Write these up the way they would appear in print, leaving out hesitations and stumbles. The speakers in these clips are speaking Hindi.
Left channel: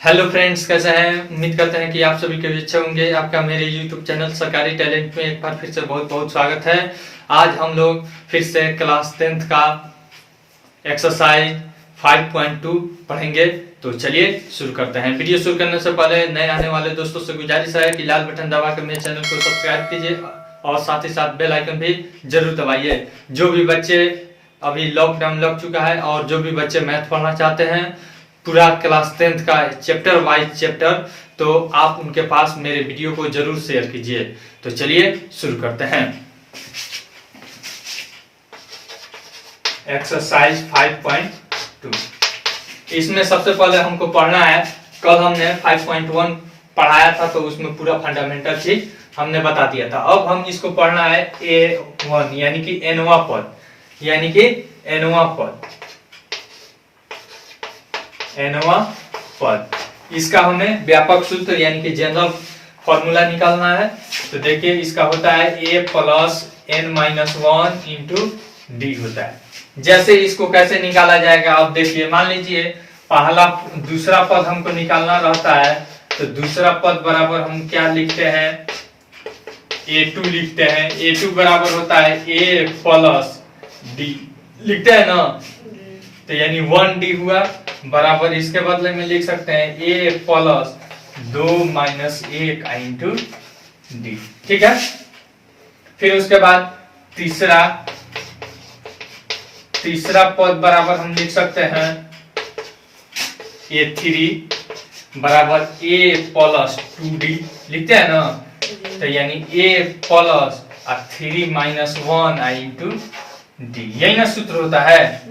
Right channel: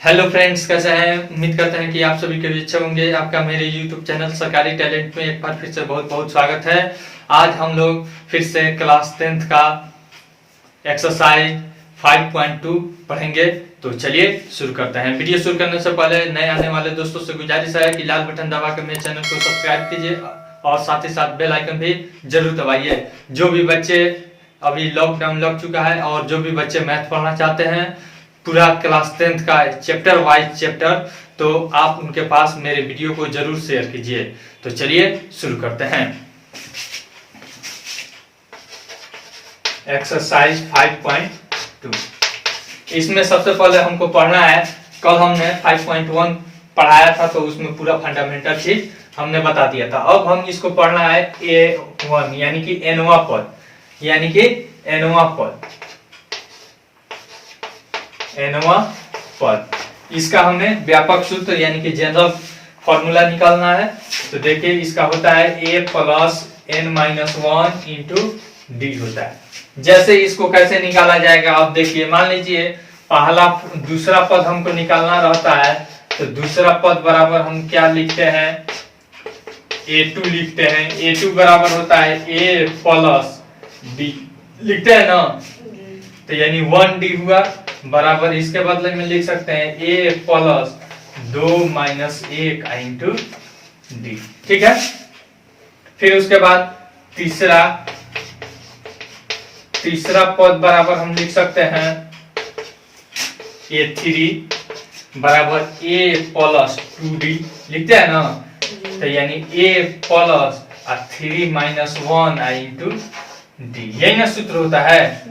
हेलो फ्रेंड्स, कैसे हैं? उम्मीद करते हैं कि आप सभी के भी अच्छे होंगे। आपका मेरे यूट्यूब चैनल सरकारी टैलेंट में एक बार फिर से बहुत बहुत स्वागत है। आज हम लोग फिर से क्लास 10th का एक्सरसाइज 5.2 पढ़ेंगे। तो चलिए शुरू करते हैं। वीडियो शुरू करने से पहले नए आने वाले दोस्तों से गुजारिश है कि लाल बटन दबा कर मेरे चैनल को सब्सक्राइब कीजिए और साथ ही साथ बेल आइकन भी जरूर दबाइए। जो भी बच्चे अभी लॉकडाउन लग चुका है और जो भी बच्चे मैथ पढ़ना चाहते हैं पूरा क्लास 10th का चैप्टर वाइज चैप्टर, तो आप उनके पास मेरे वीडियो को जरूर शेयर कीजिए। तो चलिए शुरू करते हैं। एक्सरसाइज 5.2 इसमें सबसे पहले हमको पढ़ना है। कल हमने 5.1 पढ़ाया था तो उसमें पूरा फंडामेंटल चीज हमने बता दिया था। अब हम इसको पढ़ना है A1 यानी कि एनवा पद। इसका हमें व्यापक सूत्र यानी कि जनरल फॉर्मूला निकालना है। तो देखिए इसका होता है a plus n minus 1 into D होता है। जैसे इसको कैसे निकाला जाएगा आप देखिए। मान लीजिए पहला दूसरा पद हमको निकालना रहता है तो दूसरा पद बराबर हम क्या लिखते हैं, a2 लिखते हैं। a2 बराबर होता है a प्लस डी लिखते हैं ना, तो यानी 1d हुआ बराबर इसके बदले में लिख सकते हैं a plus 2 minus 1 into D. ठीक है। फिर उसके बाद तीसरा पद बराबर हम लिख सकते हैं a3 बराबर a प्लस 2d लिखते हैं ना, तो यानी a plus 3 minus 1 into D. यही ना सूत्र होता है।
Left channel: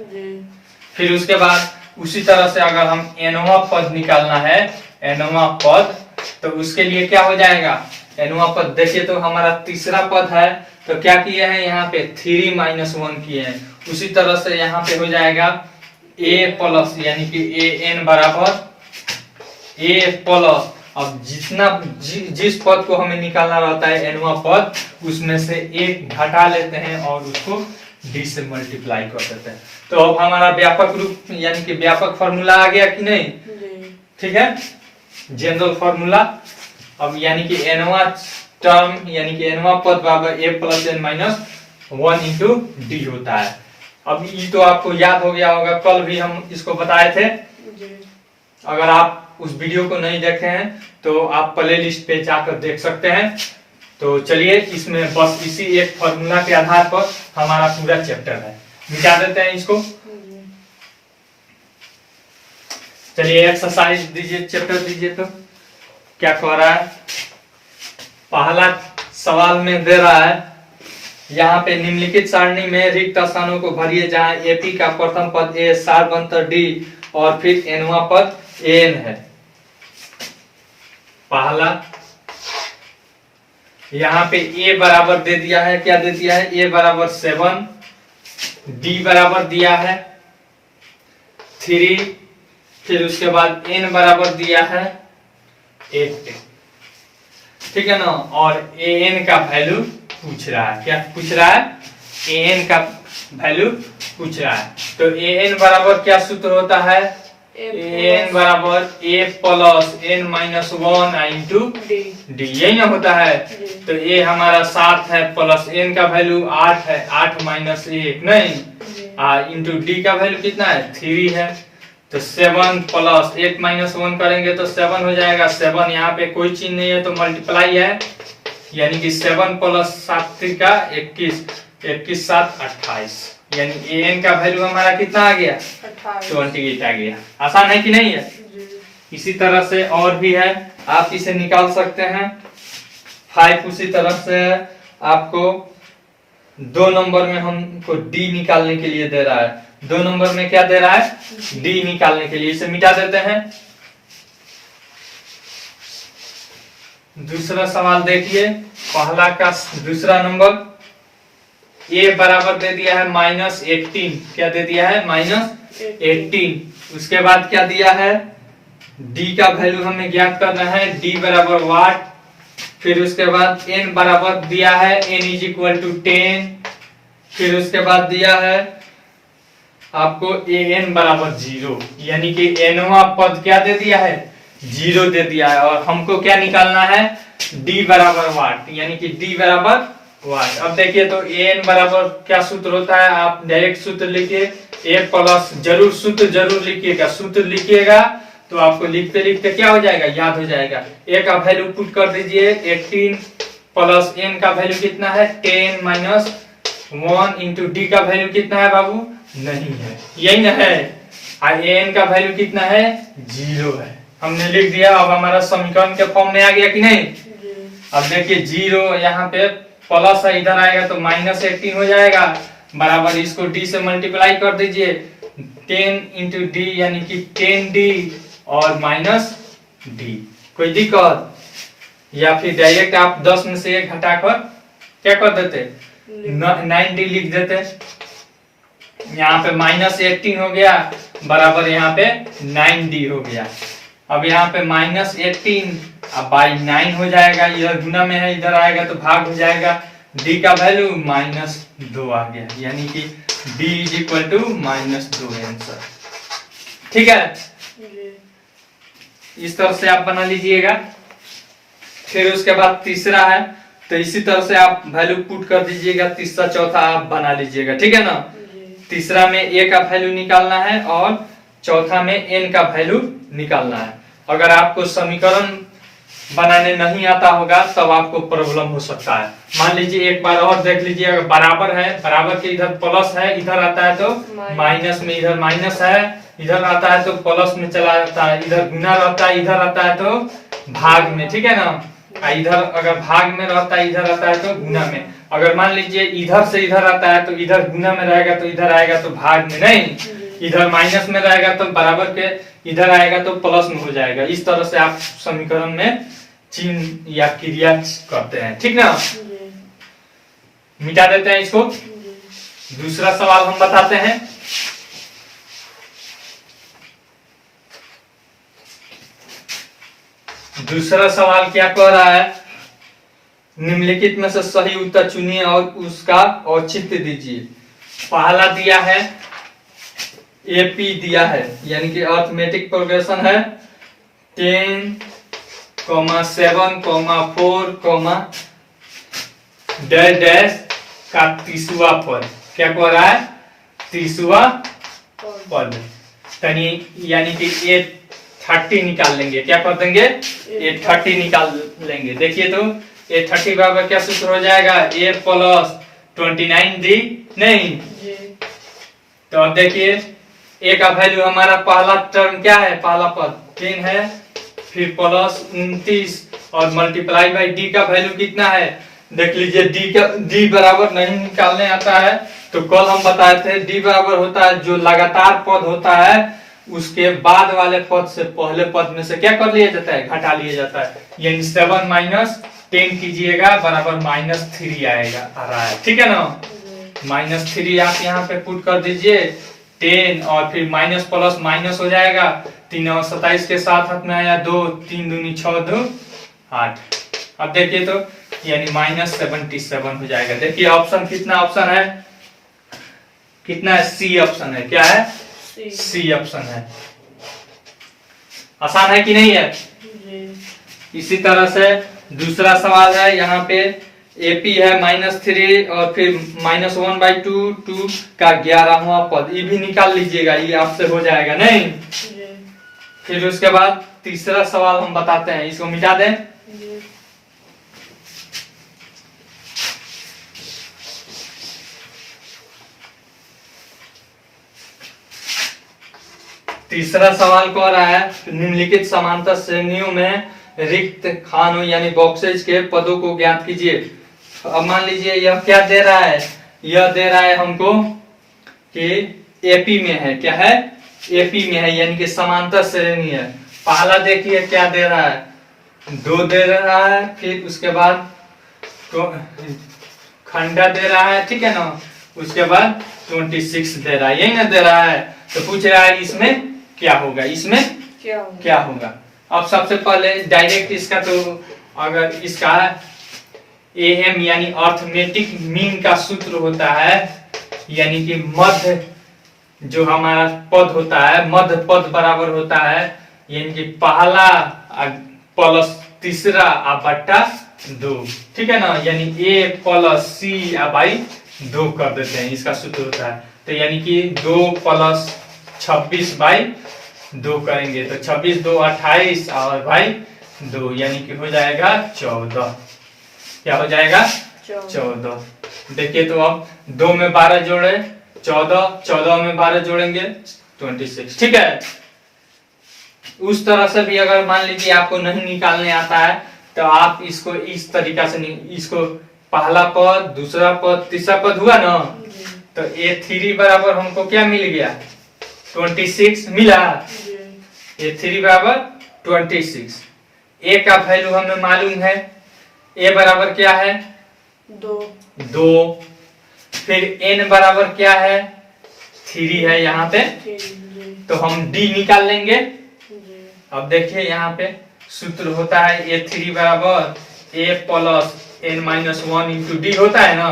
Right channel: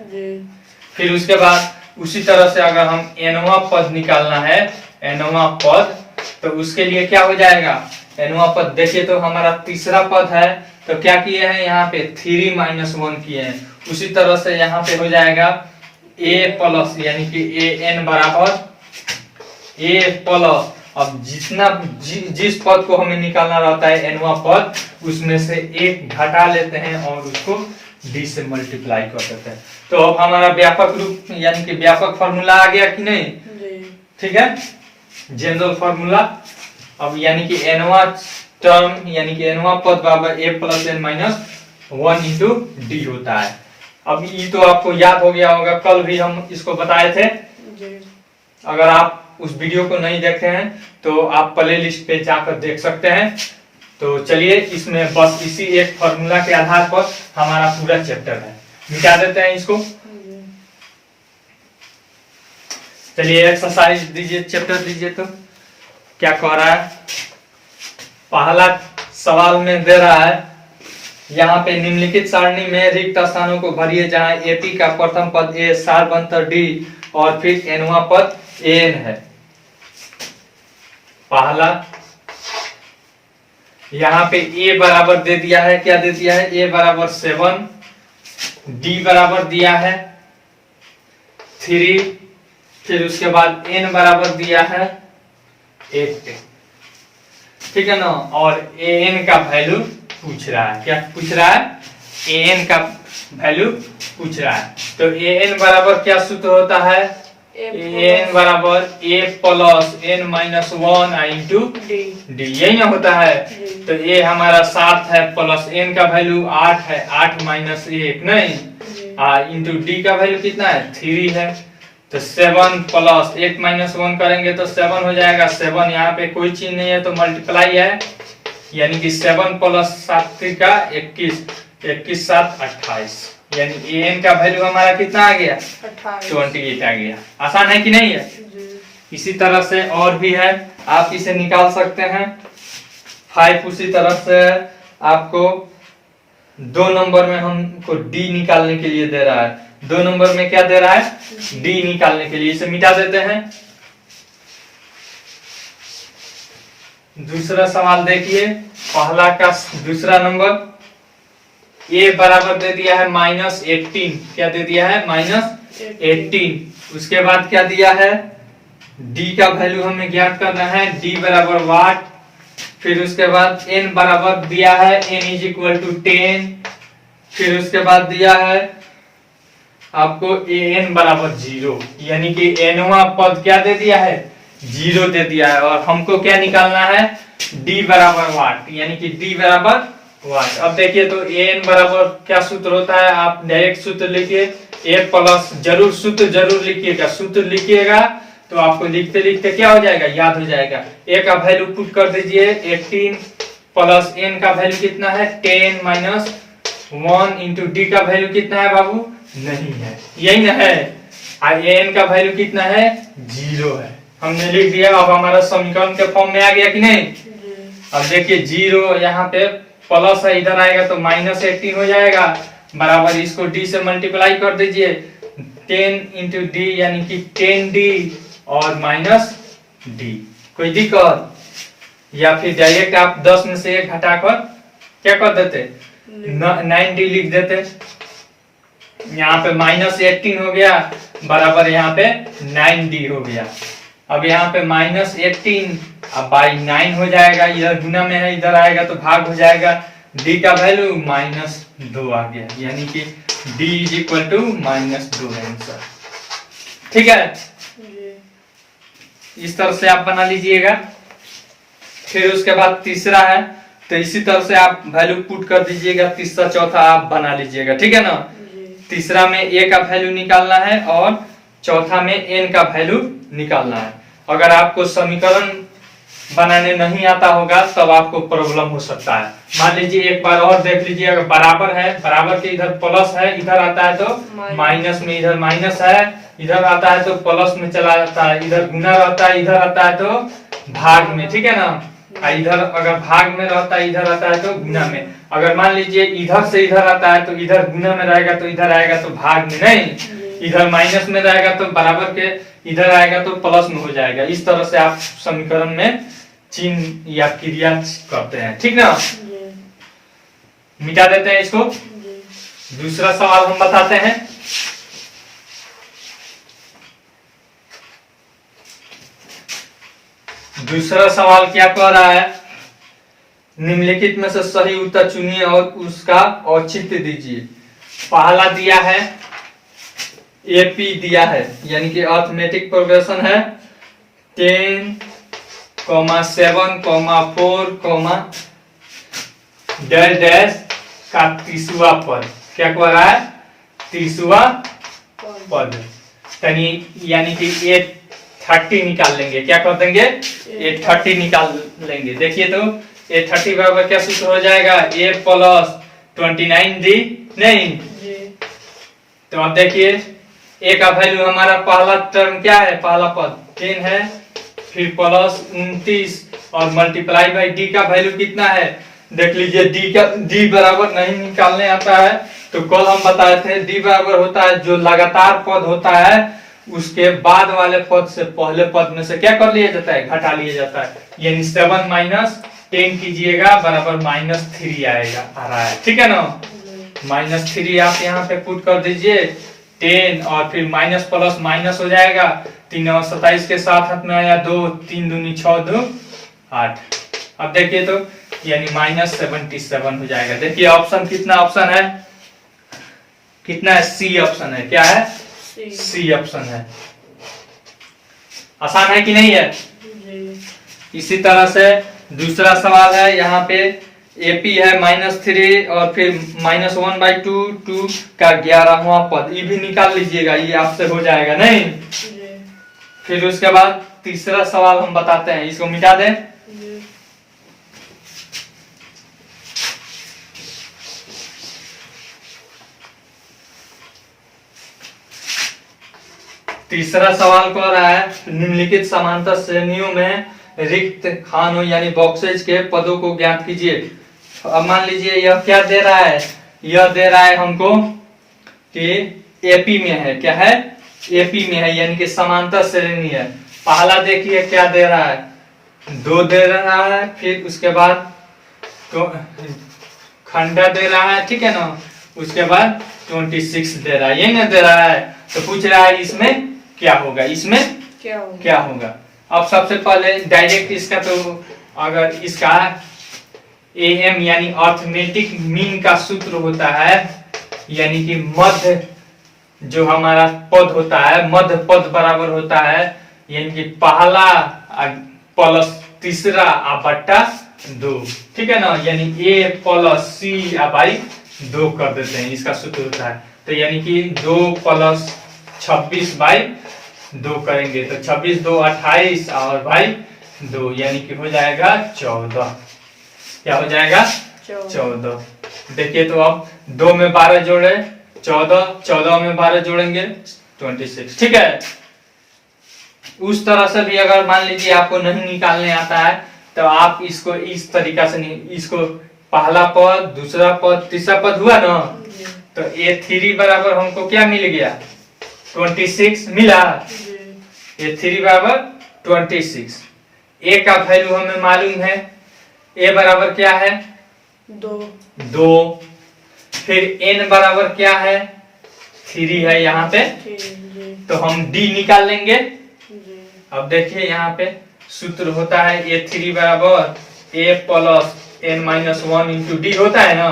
फिर उसके बाद उसी तरह से अगर हम एनवा पद निकालना है, एनवा पद, तो उसके लिए क्या हो जाएगा। एनवा पद देखिए तो हमारा तीसरा पद है तो क्या किए हैं यहाँ पे 3 माइनस 1 किए हैं। उसी तरह से यहाँ पे हो जाएगा a प्लस यानी कि a n बराबर a प्लस। अब जिस पद को हमें निकालना रहता है एनवा पद, उसमें से एक घटा लेते हैं और उसको डी से मल्टीप्लाई कर देते हैं। तो अब हमारा व्यापक रूप यानी कि व्यापक फॉर्मूला आ गया कि नहीं। ठीक है, जनरल फॉर्मूला। अब यानी कि एनवा टर्म यानी कि एनवा पद बराबर a plus n minus 1 into D होता है। अब ये तो आपको याद हो गया होगा, कल भी हम इसको बताए थे। अगर आप उस वीडियो को नहीं देखे हैं तो आप प्ले लिस्ट पे जाकर देख सकते हैं। तो चलिए इसमें बस इसी एक फॉर्मूला के आधार पर हमारा पूरा चैप्टर है। मिटा देते हैं इसको। चलिए एक्सरसाइज दीजिए, चैप्टर दीजिए। तो क्या कह रहा है, पहला सवाल में दे रहा है यहाँ पे निम्नलिखित सारणी में रिक्त स्थानों को भरिए जहां एपी का प्रथम पद ए, सारवंतर डी और फिर एनवा पद एन है। पहला यहाँ पे a बराबर दे दिया है, क्या दे दिया है, a बराबर 7, d बराबर दिया है 3, फिर उसके बाद n बराबर दिया है 8। ठीक है ना। और an का वैल्यू पूछ रहा है। क्या पूछ रहा है, an का वैल्यू पूछ रहा है। तो an बराबर क्या सूत्र होता है, an बराबर a plus n minus 1 into D. यही ना होता है। तो a हमारा 7 है प्लस n का वैल्यू 8 है, 8 माइनस 1 नहीं, इंटू डी का वैल्यू कितना है 3 है। तो 7 प्लस 8 माइनस 1 करेंगे तो 7 हो जाएगा। 7 यहाँ पे कोई चीज नहीं है तो मल्टीप्लाई है, यानी कि 7 प्लस 7 का 21, 21 7 28, यानी an का वैल्यू हमारा कितना आ गया 28 आ गया। आसान है कि नहीं है। इसी तरह से और भी है, आप इसे निकाल सकते हैं। 5 उसी तरह से आपको 2 नंबर में हमको d निकालने के लिए दे रहा है। 2 नंबर में क्या दे रहा है, d निकालने के लिए। इसे मिटा देते हैं। दूसरा सवाल देखिए, पहला का दूसरा नंबर a बराबर दे दिया है -18। क्या दे दिया है, -18। उसके बाद क्या दिया है, d का वैल्यू हमें ज्ञात करना है, d बराबर वाट। फिर उसके बाद n बराबर दिया है n इज इक्वल टू 10। फिर उसके बाद दिया है आपको an बराबर 0, यानी कि nवा पद क्या दे दिया है, जीरो दे दिया है और हमको क्या निकालना है, डी बराबर वाट, यानी कि डी बराबर वाट। अब देखिए तो एन बराबर क्या सूत्र होता है, आप डायरेक्ट सूत्र लिखिए, ए प्लस जरूर सूत्र जरूर लिखिएगा, सूत्र लिखिएगा तो आपको लिखते लिखते क्या हो जाएगा, याद हो जाएगा। ए का वैल्यू पुट कर दीजिए 18 प्लस एन का वैल्यू कितना है 10 माइनस 1 इंटू डी का वैल्यू कितना है बाबू, नहीं है, यही ना है। और एन का वैल्यू कितना है, 0 है, हमने लिख दिया। अब हमारा समीकरण के फॉर्म में आ गया कि नहीं। अब देखिए 0 यहाँ पे प्लस है, इधर आएगा तो माइनस 18 हो जाएगा, बराबर इसको डी से मल्टीप्लाई कर दीजिए 10 इंटू डी यानी कि 10d और माइनस डी। कोई दिक्कत, या फिर डायरेक्ट आप 10 में से 1 घटाकर क्या कर देते, 9d लिख देते। यहाँ पे माइनस 18 हो गया, बराबर यहाँ पे 9d हो गया। अब यहाँ पे माइनस 18 अब बाई 9 हो जाएगा, इधर गुना में है, इधर आएगा तो भाग हो जाएगा, d का वैल्यू -2 आ गया, यानी कि d is equal to -2 answer. ठीक है, इस तरह से आप बना लीजिएगा। फिर उसके बाद तीसरा है, तो इसी तरह से आप वैल्यू पुट कर दीजिएगा, तीसरा चौथा आप बना लीजिएगा, ठीक है ना। तीसरा में a का वैल्यू निकालना है और चौथा में n का वैल्यू निकालना है। अगर आपको समीकरण बनाने नहीं आता होगा तब आपको प्रॉब्लम हो सकता है। मान लीजिए एक बार और देख लीजिए, अगर बराबर है, बराबर के इधर प्लस है, इधर आता है तो माइनस में, इधर माइनस है, इधर आता है तो प्लस में चला जाता है, इधर गुना रहता है, इधर आता है तो भाग में, ठीक है ना। इधर अगर भाग में रहता है, इधर आता है तो गुना में। अगर मान लीजिए इधर से इधर आता है तो इधर गुना में रहेगा, तो इधर आएगा तो भाग में नहीं, इधर माइनस में रहेगा तो बराबर के इधर आएगा तो प्लस में हो जाएगा। इस तरह से आप समीकरण में चिन्ह या क्रिया करते हैं, ठीक ना। मिटा देते हैं इसको। दूसरा सवाल हम बताते हैं। दूसरा सवाल क्या कह रहा है, निम्नलिखित में से सही उत्तर चुनिए और उसका औचित्य दीजिए। पहला दिया है एपी दिया है, यानी कि अर्थमेटिक प्रोग्रेशन है 10, 7, 4, डैश डैश का 30वां पद। क्या कह रहा है, 30वां पद, यानी कि ए 30 निकाल लेंगे। क्या कर देंगे, ए 30 निकाल लेंगे। देखिए तो ए 30 बराबर क्या सूत्र हो जाएगा, ए प्लस 29d नहीं। तो अब देखिए ए का वैल्यू हमारा पहला टर्म क्या है, पहला पद 10 है, फिर प्लस 29 और मल्टीप्लाई बाई डी का वैल्यू कितना है, देख लीजिए डी बराबर नहीं निकालने आता है। तो कल हम बताए थे डी बराबर होता है जो लगातार पद होता है उसके बाद वाले पद से पहले पद में से क्या कर लिया जाता है, घटा लिया जाता है। यानी 7 माइनस 10 कीजिएगा बराबर -3 आएगा, आ रहा है, ठीक है ना। -3 आप यहाँ पे पुट कर दीजिए 10 और फिर माइनस प्लस माइनस हो जाएगा, 3 और 27 के साथ हाथ में आया 2, 3 दूनी 6, 2 8। अब देखिए तो यानी -77 हो जाएगा। देखिए ऑप्शन कितना ऑप्शन है, कितना है, सी ऑप्शन है। क्या है, सी ऑप्शन है। आसान है कि नहीं है। इसी तरह से दूसरा सवाल है, यहाँ पे एपी है -3 और फिर -1/2 2 का 11वां पद, ये भी निकाल लीजिएगा, ये आपसे हो जाएगा नहीं। फिर उसके बाद तीसरा सवाल हम बताते हैं, इसको मिटा दें। तीसरा सवाल कह रहा है निम्नलिखित समांतर श्रेणियों में रिक्त खानों यानी बॉक्सेज के पदों को ज्ञात कीजिए। अब मान लीजिए यह क्या दे रहा है, यह दे रहा है हमको कि एपी में है, क्या है, एपी में है, यानी कि समांतर श्रेणी है। पहला देखिए क्या दे रहा है, 2 दे रहा है, फिर उसके बाद खंडा दे रहा है, ठीक है ना। उसके बाद 26 दे रहा है, यही ना दे रहा है। तो पूछ रहा है इसमें क्या होगा, इसमें क्या होगा। अब सबसे पहले डायरेक्ट इसका, तो अगर इसका एम यानी अर्थमेटिक मीन का सूत्र होता है, यानी कि मध्य जो हमारा पद होता है, मध्य पद बराबर होता है यानी कि पहला प्लस तीसरा बट्टा 2, ठीक है ना, यानी a प्लस c बाई 2 कर देते हैं, इसका सूत्र होता है। तो यानी कि 2 प्लस 26 बाई 2 करेंगे तो 26 2 28 और भाई 2 यानी कि हो जाएगा 14। क्या हो जाएगा 14। देखिए तो अब 2 में 12 जोड़े 14, 14 में 12 जोड़ेंगे 26, ठीक है। उस तरह से भी अगर मान लीजिए आपको नहीं निकालने आता है तो आप इसको इस तरीका से इसको पहला पद, दूसरा पद, तीसरा पद हुआ ना, तो a3 बराबर हमको क्या मिल गया 26 मिला। a3 बराबर 26। a का वैल्यू हमें मालूम है, a बराबर क्या है 2। फिर n बराबर क्या है 3 है यहाँ पे, तो हम d निकाल लेंगे। अब देखिए यहाँ पे सूत्र होता है a3 बराबर a plus n minus 1 into D होता है ना,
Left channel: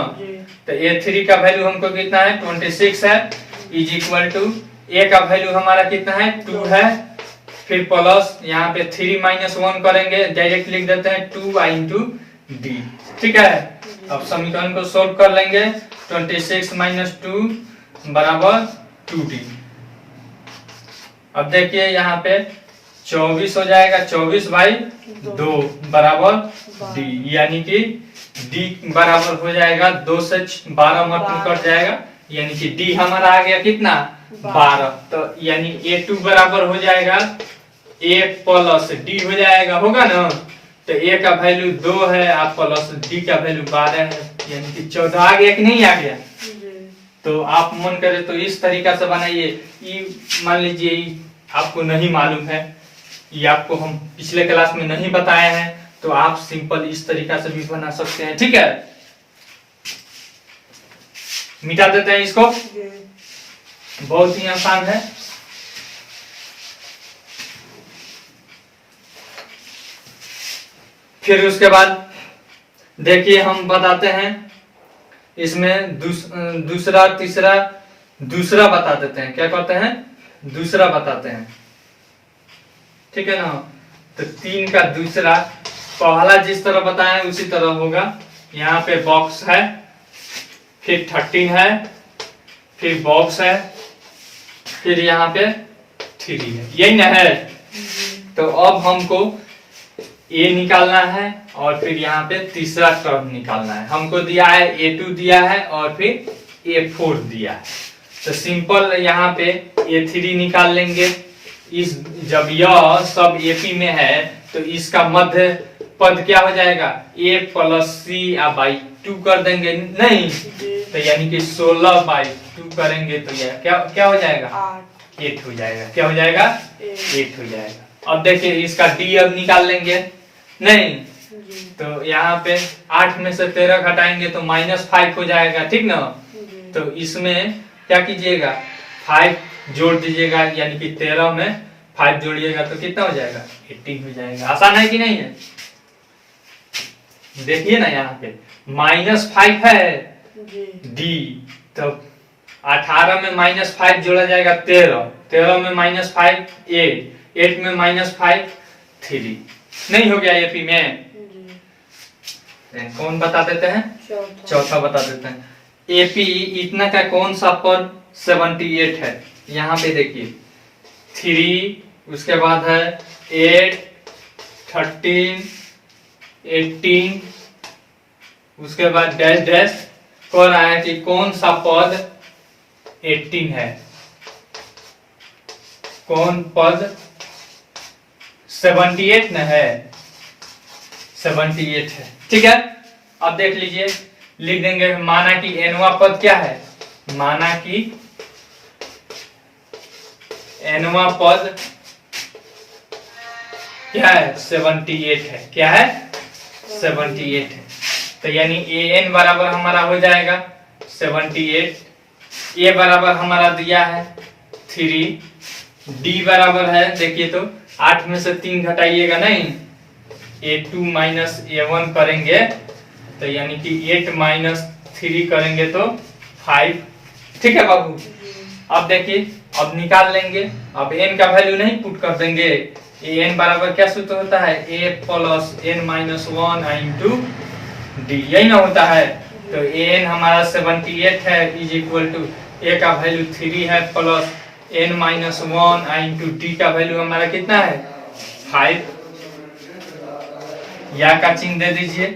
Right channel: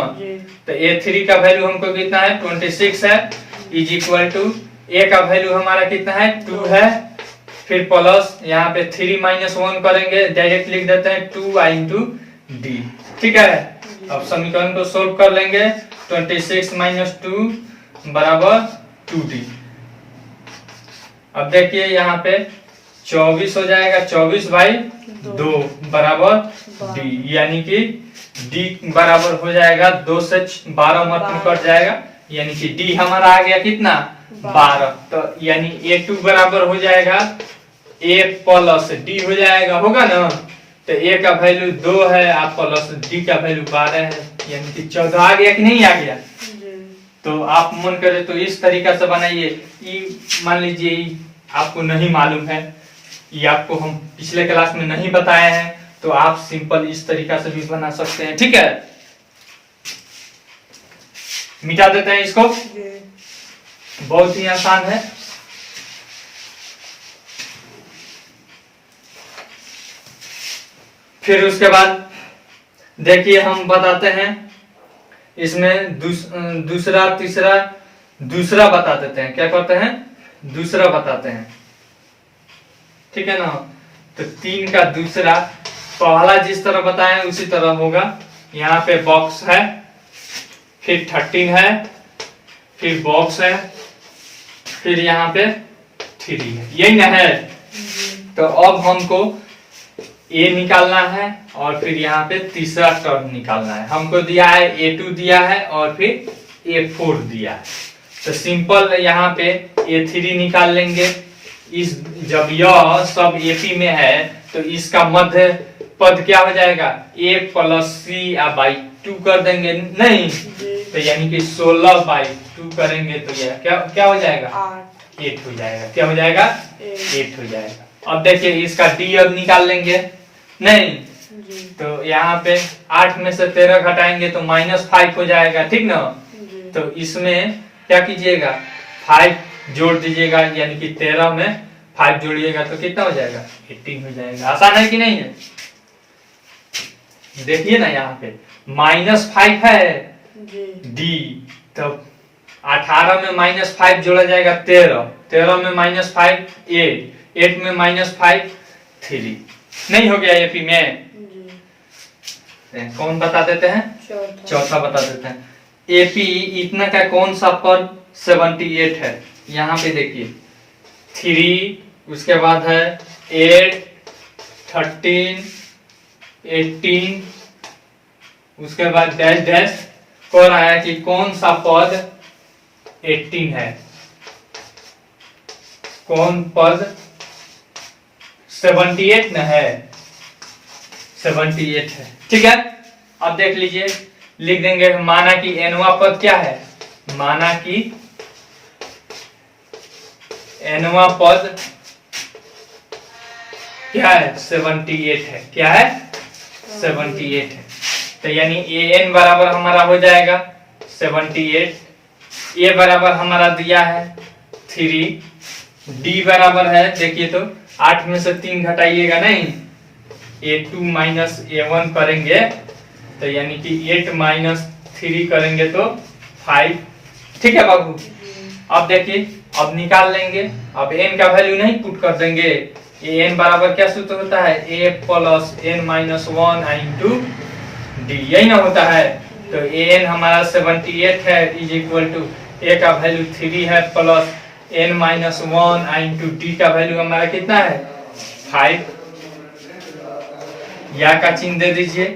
तो a3 का वैल्यू हमको कितना है 26 है, इज इक्वल टू a का वैल्यू हमारा कितना है 2 है, फिर प्लस यहाँ पे 3 माइनस 1 करेंगे, डायरेक्ट लिख देते हैं 2i इंटू डी, ठीक है। अब समीकरण को सोल्व कर लेंगे, 26 माइनस 2 बराबर 2d। अब देखिए यहाँ पे 24 हो जाएगा, 24 बाई 2 बराबर d, यानी कि d बराबर हो जाएगा 2 से 12 मतलब कट जाएगा, यानी कि d हमारा आ गया कितना 12। तो यानी a2 बराबर हो जाएगा a प्लस d हो जाएगा, होगा ना। तो a का वैल्यू 2 है और प्लस d का वैल्यू 12 है, यानी कि 14 आ गया कि नहीं आ गया। तो आप मन करे तो इस तरीका से बनाइए। मान लीजिए आपको नहीं मालूम है, ये आपको हम पिछले क्लास में नहीं बताए हैं, तो आप सिंपल इस तरीका से भी बना सकते हैं, ठीक है। मिटा देते हैं इसको, बहुत ही आसान है। फिर उसके बाद देखिए हम बताते हैं इसमें दूसरा तीसरा दूसरा बता देते हैं, क्या कहते हैं दूसरा बताते हैं, ठीक है ना। तो 3 का दूसरा, पहला जिस तरह बताएं उसी तरह होगा। यहाँ पे बॉक्स है, फिर 13 है, फिर बॉक्स है, फिर यहाँ पे 3 है, यही ना है। तो अब हमको a निकालना है और फिर यहाँ पे तीसरा टर्म निकालना है। हमको दिया है a2 दिया है और फिर a4 दिया है, तो सिंपल यहाँ पे a3 निकाल लेंगे। इस जब यह सब AP में है तो इसका मध्य पद क्या हो जाएगा a प्लस c बाई 2 कर देंगे, नहीं तो यानी कि 16 बाई 2 करेंगे तो यह क्या हो जाएगा 8 हो जाएगा। क्या हो जाएगा 8 हो जाएगा। अब देखिए इसका d अब निकाल लेंगे, नहीं तो यहाँ पे 8 में से 13 घटाएंगे तो -5 हो जाएगा, ठीक ना। तो इसमें क्या कीजिएगा 5 जोड़ दीजिएगा, यानी कि 13 में 5 जोड़िएगा तो कितना हो जाएगा 18 हो जाएगा। आसान है कि नहीं है। देखिए ना यहाँ पे -5 है d, तो 18 में -5 जोड़ा जाएगा 13, 13 में -5 8 में -5 3, नहीं हो गया AP में। कौन बता देते हैं चौथा बता देते हैं। AP इतना का कौन सा पद 78 है, यहाँ पे देखिए 3, उसके बाद है 8 13 18, उसके बाद डैश डैश कर रहा है कि कौन सा पद 18 है, कौन पद 78 न है, 78 है, ठीक है। अब देख लीजिए, लिख देंगे माना कि nवा पद क्या है, माना कि nवा पद क्या है 78 है, क्या है 78 है। तो यानी an बराबर हमारा हो जाएगा 78, a बराबर हमारा दिया है 3, d बराबर है देखिए तो 8 में से 3 घटाइएगा नहीं, a2 माइनस a1 करेंगे तो यानी कि 8 माइनस 3 करेंगे तो 5, ठीक है बाबू। अब देखिए अब निकाल लेंगे, अब n का वैल्यू नहीं पुट कर देंगे ए एन बराबर क्या सूत्र होता है, A plus N minus one into D, यही ना होता है। तो ए एन हमारा 78 है इज इक्वल टू ए का वैल्यू 3 है plus N minus one into d का वैल्यू हमारा कितना है 5, या का चिन्ह दे दीजिए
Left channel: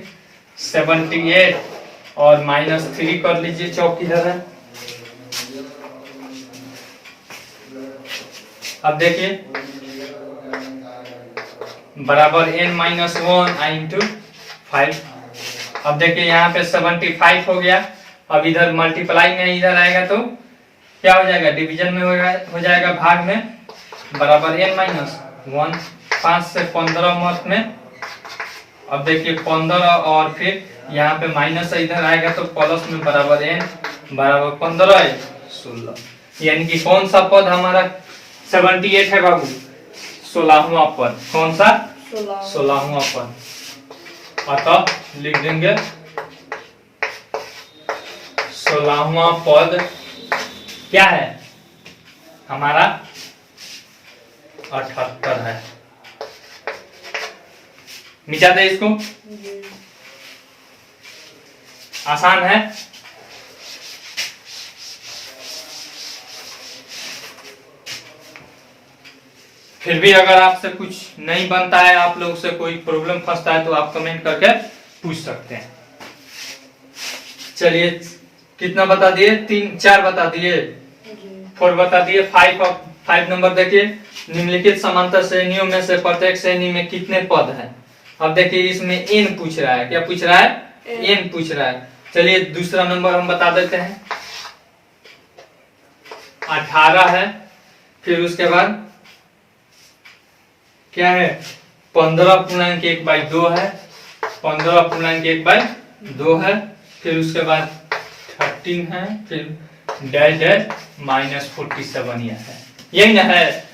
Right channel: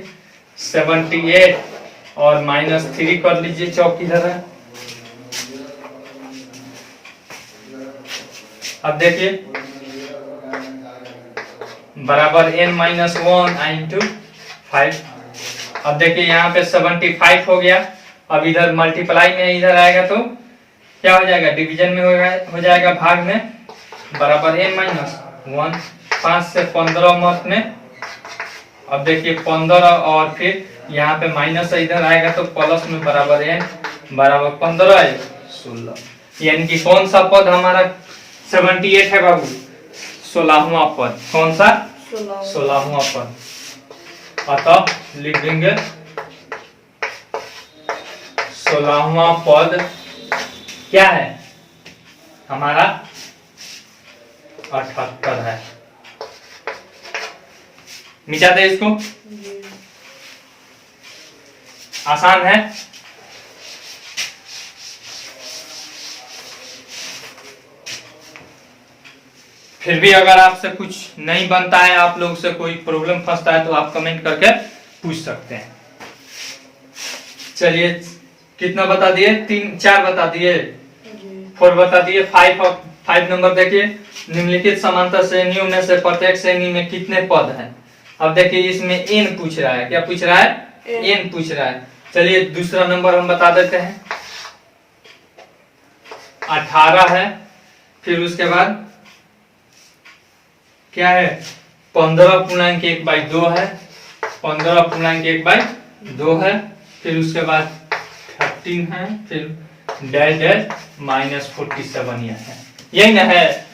78 और -3 कर लीजिए, चौक किधर है। अब देखिए बराबर n माइनस वन इंटू 5। अब देखिए यहाँ पे 75 हो गया। अब इधर मल्टीप्लाई में इधर आएगा तो क्या हो जाएगा, डिवीजन में हो जाएगा भाग में, बराबर n माइनस वन, 5 से 15 मत में। अब देखिए 15 और फिर यहाँ पे माइनस इधर आएगा तो प्लस में बराबर n बराबर 15 16, यानी कि कौन सा पद हमारा 78 है बाबू, 16वां पद। कौन सा 16वां पद। अतः लिख देंगे 16वां पद क्या है हमारा 78 है। मिटा दे इसको, आसान है। फिर भी अगर आपसे कुछ नहीं बनता है, आप लोग से कोई प्रॉब्लम फंसता है तो आप कमेंट करके पूछ सकते हैं। चलिए कितना बता दिए, 3 4 बता दिए, 4 बता दिए। 5 नंबर देखिए, निम्नलिखित समांतर श्रेणियों में से प्रत्येक श्रेणी में कितने पद हैं। अब देखिए इसमें n पूछ रहा है, क्या पूछ रहा है, n पूछ रहा है। चलिए दूसरा नंबर हम बता देते हैं, 18 है। फिर उसके बाद क्या है, 15.1/2 है, 15.1/2 है। फिर उसके बाद 13 है, फिर डैश डैश -47 यह है, यही ना है।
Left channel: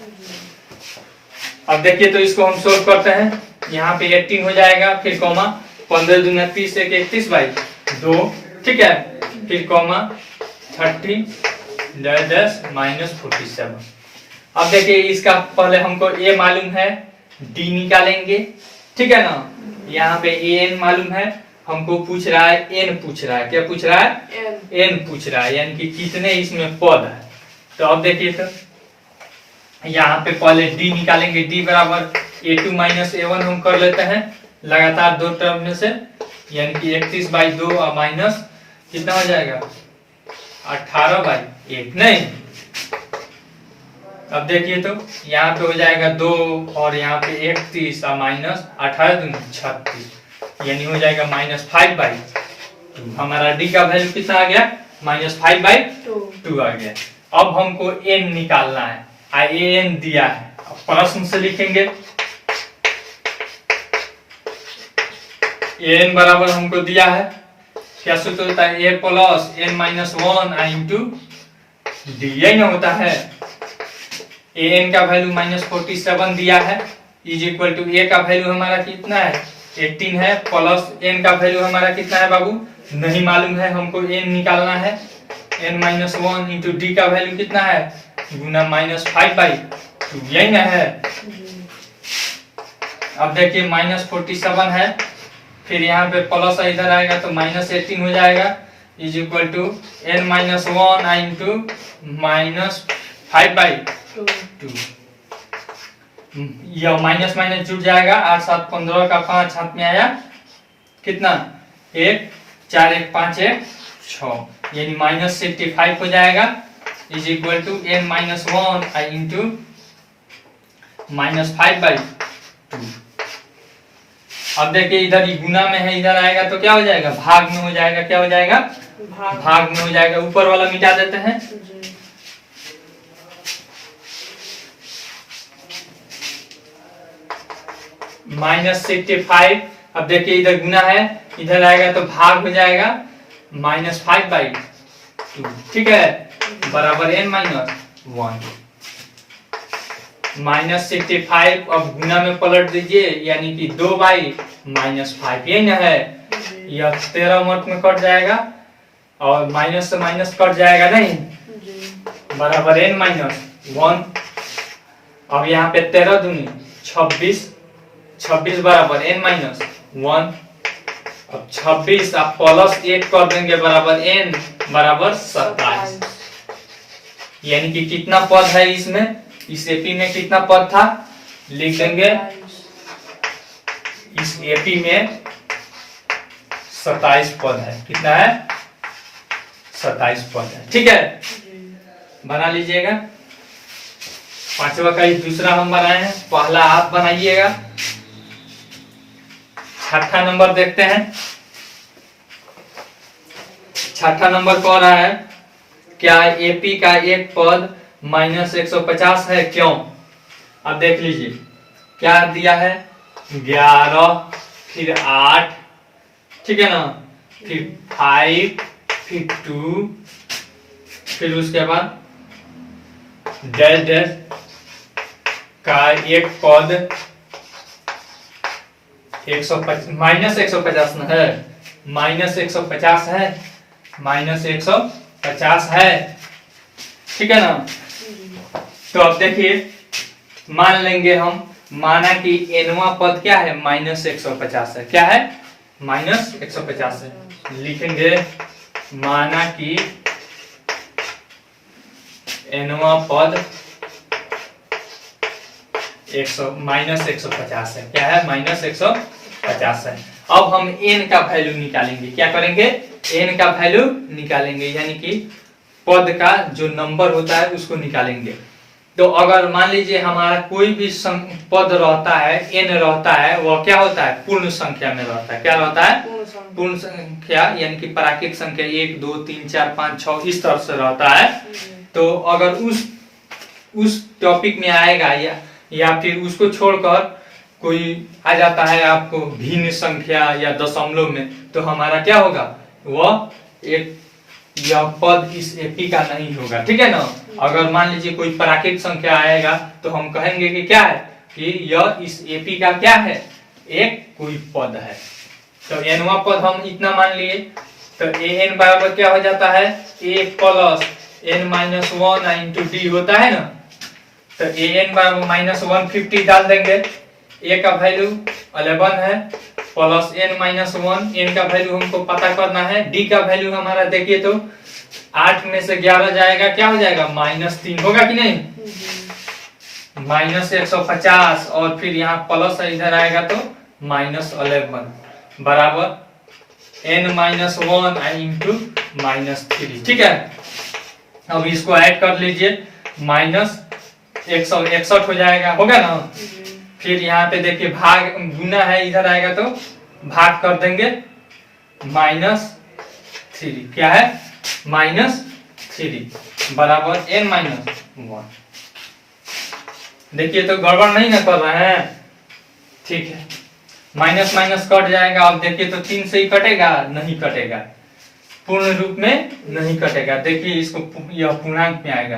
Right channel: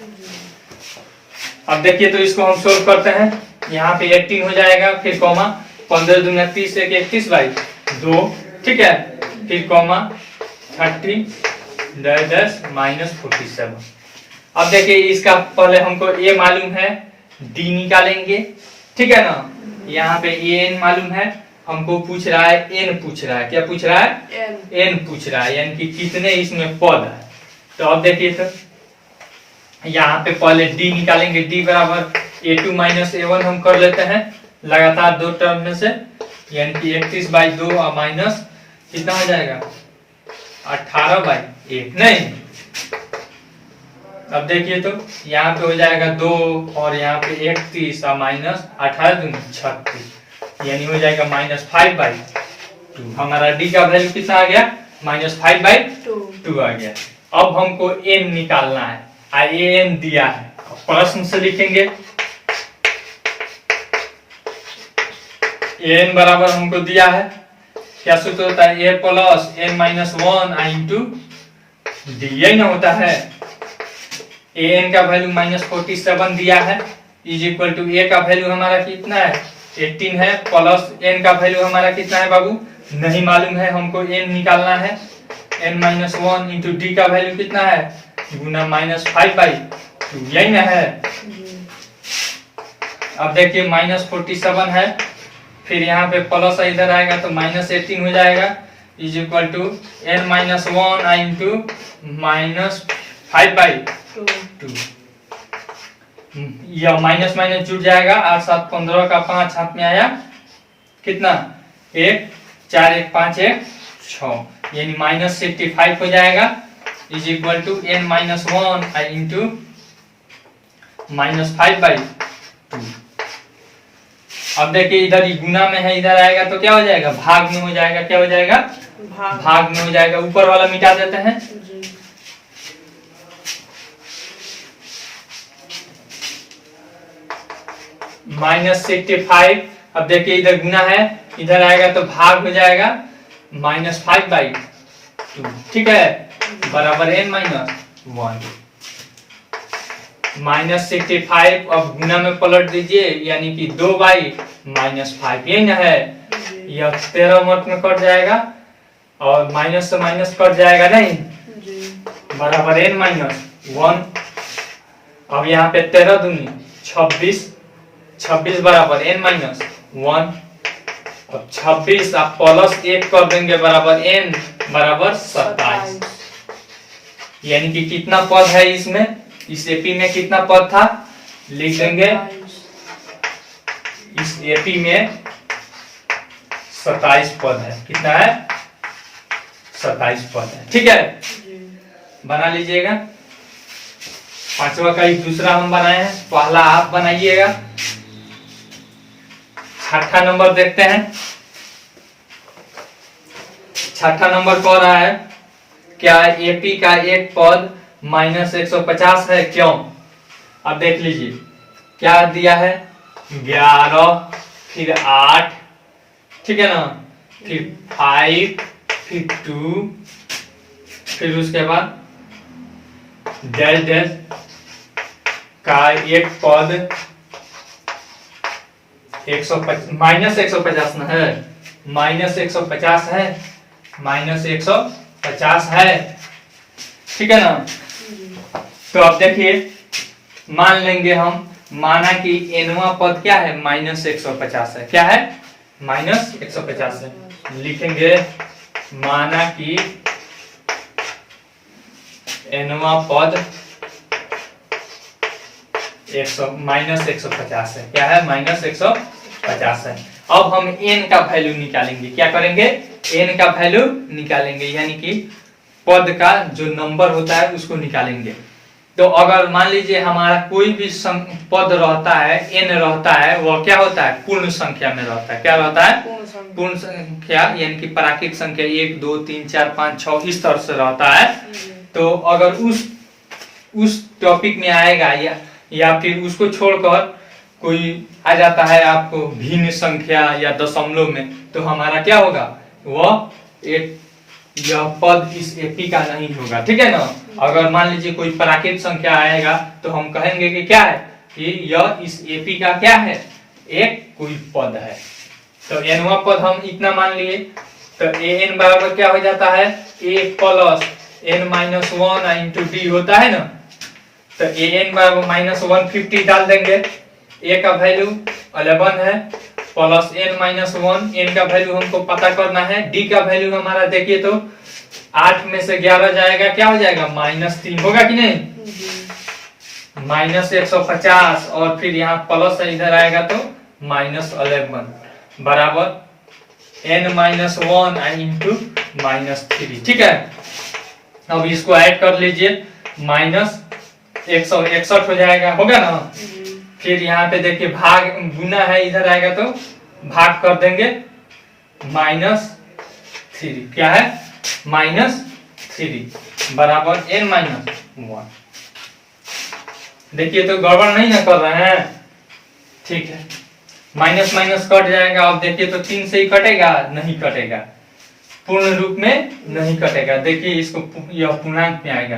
अब देखिए तो इसको हम सोल्व करते हैं। यहाँ पे 18 हो जाएगा, फिर कॉमा 15 दूना 30 एक 31/2, ठीक है। फिर कॉमा 30 डैश डैश -47। अब देखिए इसका पहले हमको a मालूम है, d निकालेंगे, ठीक है ना। यहाँ पे n मालूम है, हमको पूछ रहा है n पूछ रहा है, क्या पूछ रहा है, n पूछ रहा है, यानी कि कितने इसमें पद है। तो अब देखिए तो यहाँ पे पहले d निकालेंगे, d बराबर a2 माइनस a1 हम कर लेते हैं लगातार 2 टर्म में से, यानी कि 31/2 और माइनस कितना हो जाएगा 18/1, नहीं। अब देखिए तो यहाँ पे हो जाएगा 2 और यहाँ पे 31 और माइनस 18 36, यानी हो जाएगा -5/2। हमारा डी का वैल्यू कितना आ गया, -5/2 आ गया। अब हमको n निकालना है, n दिया है, प्रश्न से लिखेंगे। n बराबर हमको दिया है, क्या सूत्र होता है, a plus n minus one into D, यही ना होता है। an का वैल्यू -47 दिया है, इज इक्वल टू a का वैल्यू हमारा कितना है 18 है, प्लस n का वैल्यू हमारा कितना है बाबू, नहीं मालूम है, हमको n निकालना है। n minus one into d का वैल्यू कितना है गुना -5/2, यही ना है। अब देखिए -47 है, फिर यहाँ पे प्लस इधर आएगा तो -18 हो जाएगा, is equal to n minus one into -5/2। यह माइनस माइनस जुड़ जाएगा, 8 7 15 का 5 हाथ में आया, कितना 1 4 1 5 1 6, यानी -65 हो जाएगा, is equal to n minus one into -5/2। अब देखिए इधर ही गुना में है, इधर आएगा तो क्या हो जाएगा, भाग में हो जाएगा, क्या हो जाएगा, भाग में हो जाएगा। ऊपर वाला मिटा देते हैं, -65। अब देखिए इधर गुना है, इधर आएगा तो भाग हो जाएगा, -5/2, ठीक है, बराबर n माइनस 1 -65। अब गुना में पलट दीजिए, यानी कि 2/-5, यही ना है। यह 13 मत में कट जाएगा और माइनस से माइनस कट जाएगा, नहीं, बराबर n माइनस 1। अब यहाँ पे 13 दूनी 26 बराबर n माइनस 1। अब 26 आप प्लस 1 कर देंगे बराबर n बराबर 27। यानी कि कितना पद है इसमें, इस एपी में कितना पद था, लिख देंगे इस एपी में 27 पद है। कितना है, 27 पद है। ठीक है, बना लीजिएगा। पांचवा का एक दूसरा हम बनाए हैं, पहला आप बनाइएगा। छठा नंबर देखते हैं। छठा नंबर कौन रहा है, क्या एपी का एक पद माइनस 150 है, क्यों। अब देख लीजिए क्या दिया है, 11 फिर 8, ठीक है ना, फिर 5 फिर 2 फिर उसके बाद डैश डैश का एक पद माइनस 150 न है, माइनस 150 है, माइनस 150 है। ठीक है ना। तो अब देखिए मान लेंगे हम, माना कि एनवा पद क्या है, माइनस 150 है। क्या है, माइनस 150 है। लिखेंगे माना कि एनवा पद माइनस 150 है। क्या है, माइनस 150 है। अब हम n का वैल्यू निकालेंगे। क्या करेंगे, n का वैल्यू निकालेंगे, यानी कि पद का जो नंबर होता है उसको निकालेंगे। तो अगर मान लीजिए हमारा कोई भी पद रहता है, n रहता है, वह क्या होता है, पूर्ण संख्या में रहता है। क्या रहता है, पूर्ण संख्या, यानी कि प्राकृतिक संख्या 1 2 3 4 5 6 इस तरह से रहता है। तो अगर उस टॉपिक में आएगा या फिर उसको छोड़कर कोई आ जाता है आपको भिन्न संख्या या दशमलव में, तो हमारा क्या होगा, वह यह पद इस एपी का नहीं होगा। ठीक है ना। अगर मान लीजिए कोई प्राकृतिक संख्या आएगा तो हम कहेंगे कि क्या है, कि यह इस एपी का क्या है, एक कोई पद है। तो एनवा पद हम इतना मान लिए, तो एन बराबर क्या हो जाता है, A plus n minus 1 into D होता है ना। तो एन बराबर माइनस 150 डाल देंगे। ए का वैल्यू 11 है, प्लस n माइनस 1, n का वैल्यू हमको पता करना है। डी का वैल्यू हमारा देखिए तो 8 में से 11 जाएगा, क्या हो जाएगा, माइनस 3 होगा कि नहीं, माइनस 150, और फिर यहाँ प्लस इधर आएगा तो माइनस 11 बराबर n माइनस 1 इंटू माइनस 3। ठीक है, अब इसको ऐड कर लीजिए, माइनस 161 हो जाएगा, होगा ना। फिर यहाँ पे देखिए भाग गुना है, इधर आएगा तो भाग कर देंगे, माइनस 3। क्या है, माइनस 3 बराबर n माइनस 1। देखिए तो गड़बड़ नहीं ना कर रहे हैं। ठीक है, माइनस माइनस कट जाएगा। अब देखिए तो 3 से ही कटेगा, नहीं कटेगा, पूर्ण रूप में नहीं कटेगा। देखिए इसको यह पूर्णांक में आएगा,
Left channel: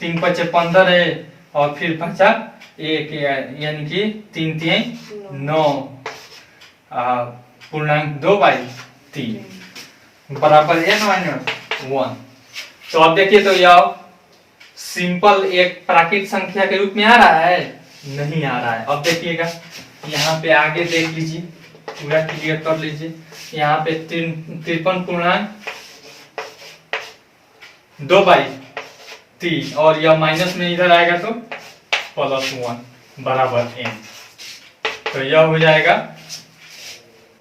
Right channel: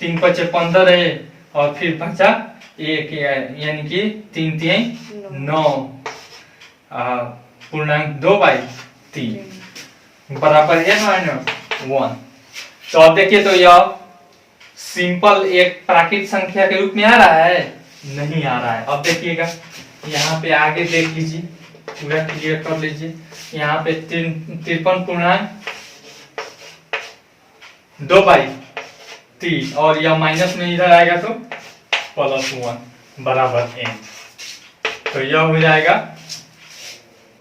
3 पचे 15 है, और फिर बचा 1, यानी कि 3 3 9, पूर्णांक 2/3 बराबर n माइनस 1। तो अब देखिए तो यह सिंपल एक प्राकृतिक संख्या के रूप में आ रहा है, नहीं आ रहा है। अब देखिएगा यहाँ पे आगे देख लीजिए, पूरा क्लियर कर लीजिए। यहाँ पे 53 पूर्णांक 2/3, और यह माइनस में इधर आएगा तो प्लस 1 बराबर n। तो यह हो जाएगा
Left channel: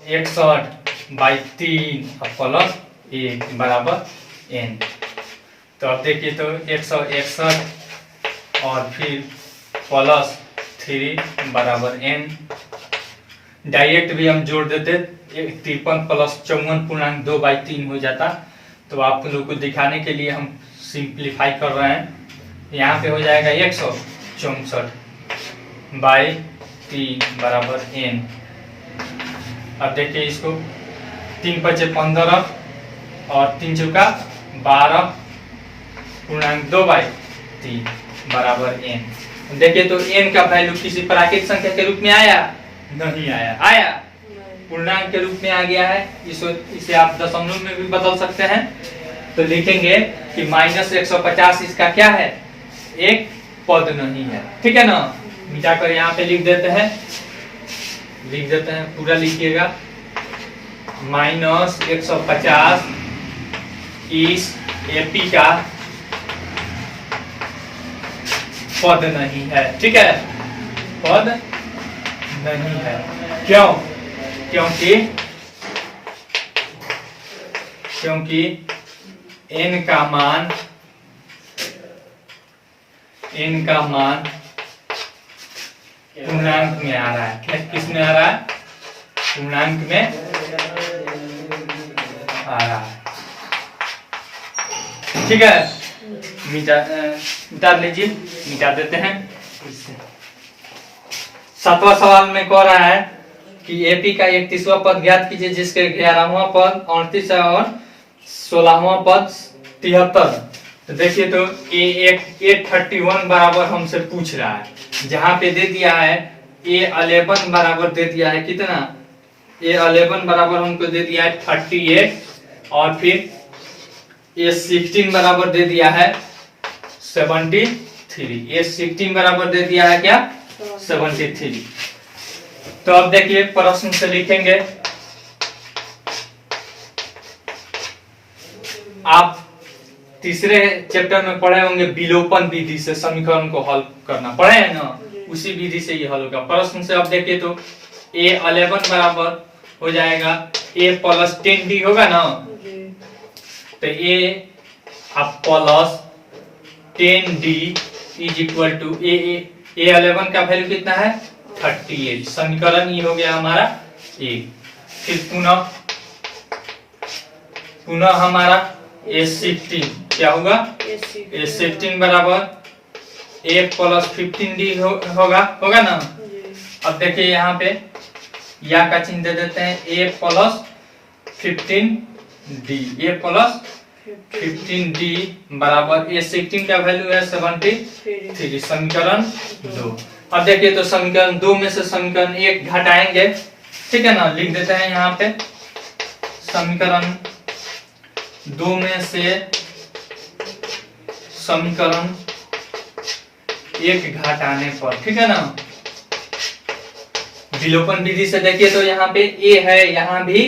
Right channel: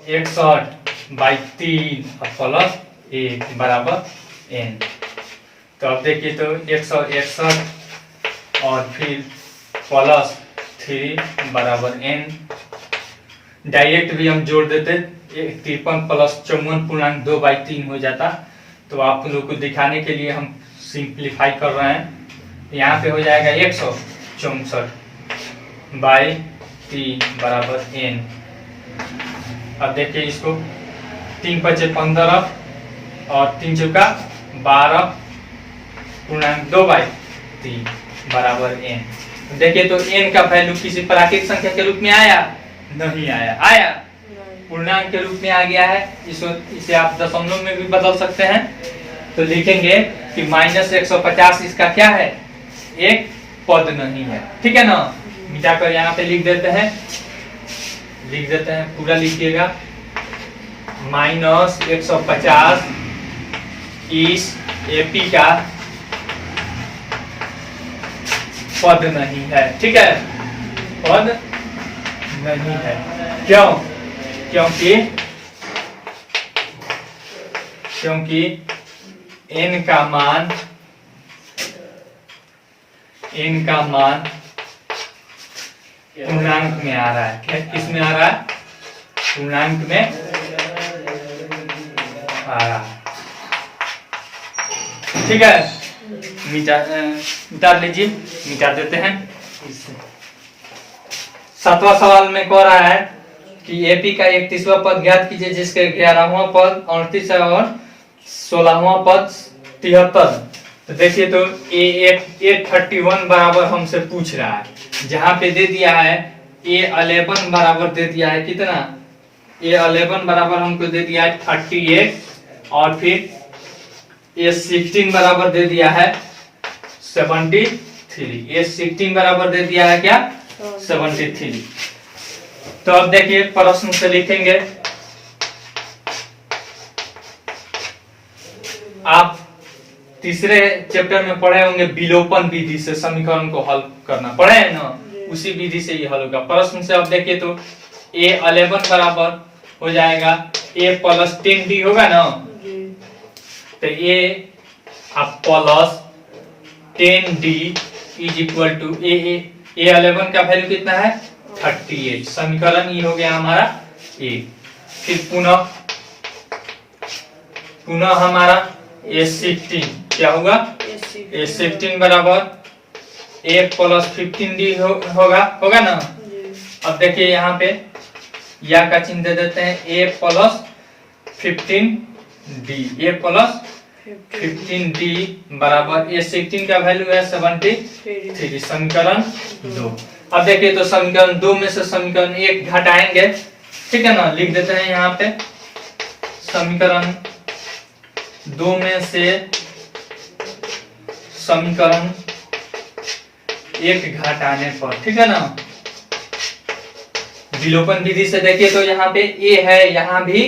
61/3 और प्लस 1 बराबर n। तो अब देखिए तो 161 और फिर प्लस 3 बराबर n। डायरेक्ट भी हम जोड़ देते, 53 प्लस 54 पूर्णांक 2/3 हो जाता। तो आप लोग को दिखाने के लिए हम सिंप्लीफाई कर रहे हैं। यहाँ पे हो जाएगा 164/3 बराबर n। अब देखिए इसको 3 पचे 15 और 3 चौका 12 पूर्णांक 2/3 बराबर n। देखिए तो n का वैल्यू किसी प्राकृतिक संख्या के रूप में आया, नहीं आया, आया पूर्णांक के रूप में आ गया है। इसे आप दशमलव में भी बदल सकते हैं। तो लिखेंगे कि माइनस 150 इसका क्या है, एक पद नहीं है। ठीक है ना। मिटाकर यहाँ पे लिख देते हैं, पूरा लिखिएगा। -150 इस एपी का पद नहीं है, ठीक है, पद नहीं है। क्यों? क्योंकि n का मान पूर्णांक में आ रहा है। किस में आ रहा है? पूर्णांक में आ रहा है, ठीक है। मिटा लीजिए, मिटा देते हैं। 7वां सवाल में कह रहा है कि एपी का 31वां पद ज्ञात कीजिए जिसके 11वां पद 38 और 16वां पद 73। तो देखिए, तो A31 बराबर हमसे पूछ रहा है, जहां पे दे दिया है A11 बराबर दे दिया है कितना? A11 बराबर हमको दे दिया है 38 और फिर A16 बराबर दे दिया है 73। A16 बराबर दे दिया है क्या? 73। तो अब देखिए प्रश्न से लिखेंगे। आप तीसरे चैप्टर में पढ़े होंगे विलोपन विधि से समीकरण को हल करना, पढ़े हैं ना? उसी विधि से ये हल होगा। प्रश्न से अब देखिए तो A11 बराबर हो जाएगा A + 10D होगा ना? तो A अब + 10D is equal to A11 का वैल्यू कितना है? 38। समीकरण ये हो गया हमारा A। फिर पुनः हमारा A16 क्या होगा? A16 बराबर A + 15D होगा ना? अब देखिए यहाँ पे या का चिन्ह दे देते हैं A + 15D। A + 15D बराबर A16 का वैल्यू है 73। समीकरण 2। अब देखिए तो समीकरण 2 में से समीकरण 1 घटाएंगे, ठीक है ना? लिख देते हैं यहाँ पे समीकरण 2 में से समीकरण 1 घटाने पर, ठीक है ना? विलोपन विधि से देखिए तो यहाँ पे A है, यहाँ भी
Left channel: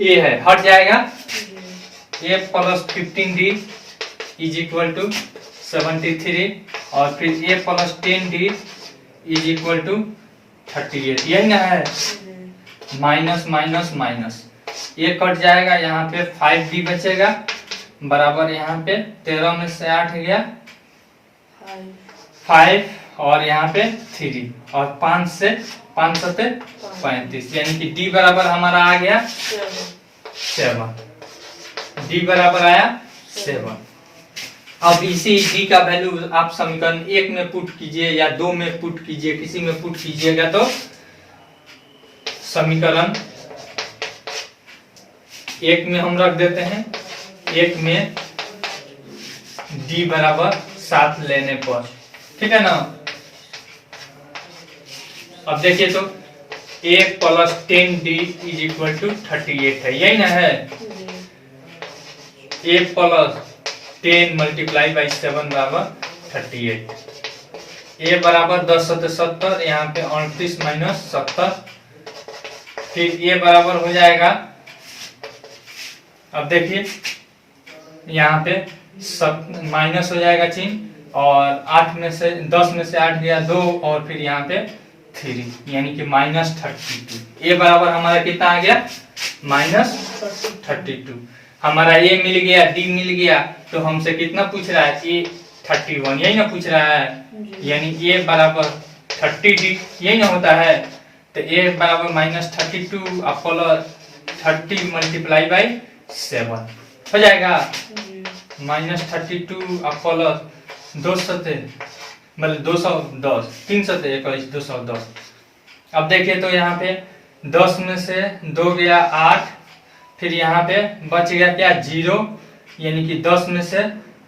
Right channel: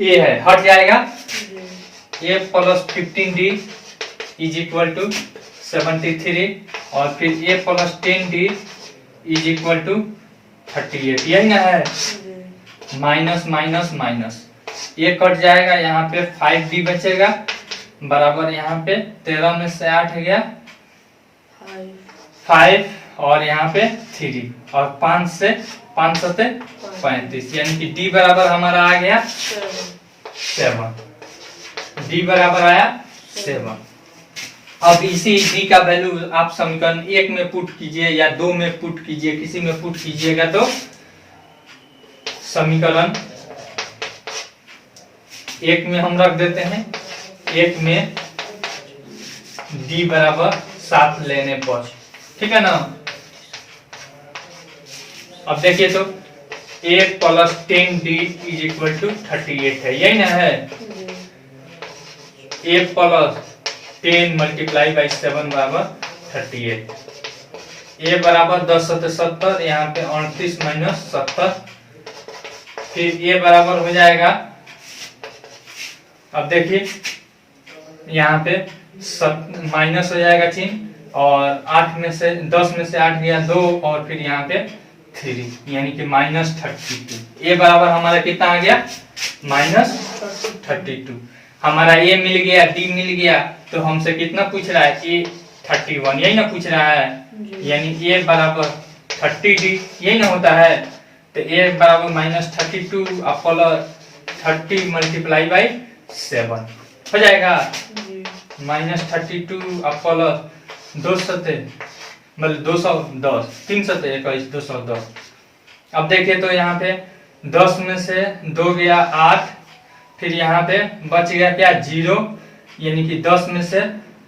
A है, हट जाएगा। A + 15D is equal to 73 और फिर A + 10D is equal to 38। यही ना है? माइनस माइनस माइनस ये कट जाएगा, यहाँ पे 5D बचेगा बराबर यहाँ पे 13 में से 8 गया 5 और यहाँ पे 3 और 5 से 5 सते 35, यानी कि D बराबर हमारा आ गया 7। D बराबर आया 7। अब इसी D का वैल्यू आप समीकरण 1 में पुट कीजिए या 2 में पुट कीजिए, किसी में पुट कीजिएगा तो समीकरण 1 में हम रख देते हैं। 1 में D बराबर 7 लेने पर, ठीक है ना? अब देखिए तो A + 10D is equal to 38 है, यही ना है? A + 10 × 7 बराबर 38। A बराबर 10 × 70, यहाँ पे 38 - 70। फिर A बराबर हो जाएगा, अब देखिए यहाँ पे माइनस हो जाएगा चिन्ह और 8 में से 10 में से 8 गया 2 और फिर यहाँ पे 3, यानी कि -32। A बराबर हमारा कितना आ गया? -32। हमारा A मिल गया, D मिल गया, तो हमसे कितना पूछ रहा है? A31, यही ना पूछ रहा है? यानी A बराबर 30D, यही ना होता है? तो A बराबर -32 + 30 × 7 हो जाएगा। -32 + 2 सते मतलब 210, 3 सते 21, 210। अब देखिए तो यहाँ पे 10 में से 2 गया 8, फिर यहाँ पे बच गया क्या? 0, यानी कि 10 में से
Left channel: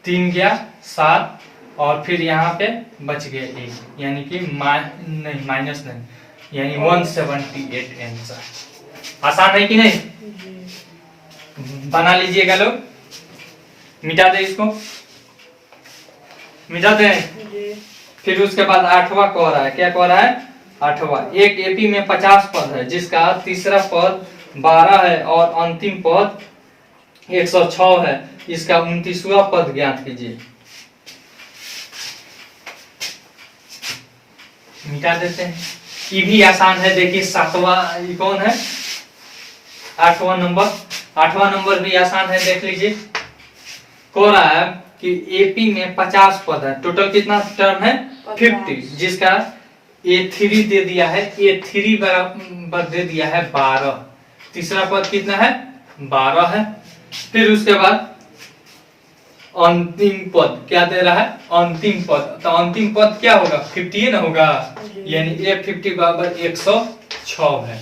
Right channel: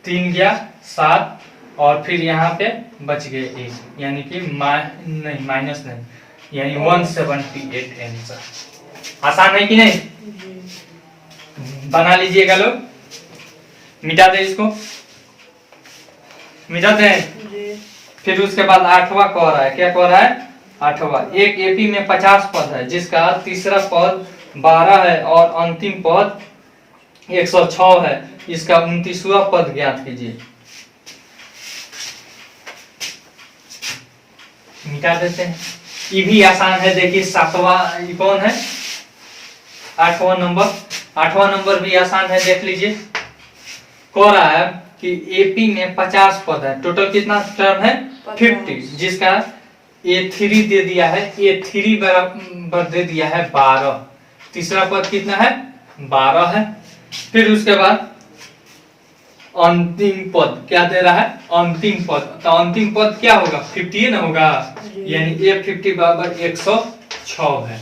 3 गया 7 और फिर यहाँ पे बच गए 1, यानी कि माइनस नहीं, यानी 178 आंसर। आसान है कि नहीं? बना लीजिएगा लोग, मिटा दे इसको, मिटाते हैं। फिर उसके बाद आठवां कह रहा है, क्या कह रहा है? आठवां, एक एपी में 50 पद है जिसका तीसरा पद 12 है और अंतिम पद 106 है, इसका 29वां पद ज्ञात कीजिए। मिटा देते हैं, ये भी आसान है। देखिए 7वां, ये कौन है? 8वां नंबर, 8वां नंबर भी आसान है, देख लीजिए। कह रहा है कि एपी में 50 पद है, टोटल कितना टर्म है? 50, जिसका A3 दे दिया है, A3 बराबर दे दिया है 12, तीसरा पद कितना है? 12 है। फिर उसके बाद अंतिम पद क्या दे रहा है? अंतिम पद, तो अंतिम पद क्या होगा? 50 ना होगा, यानी A50 बराबर 106 है।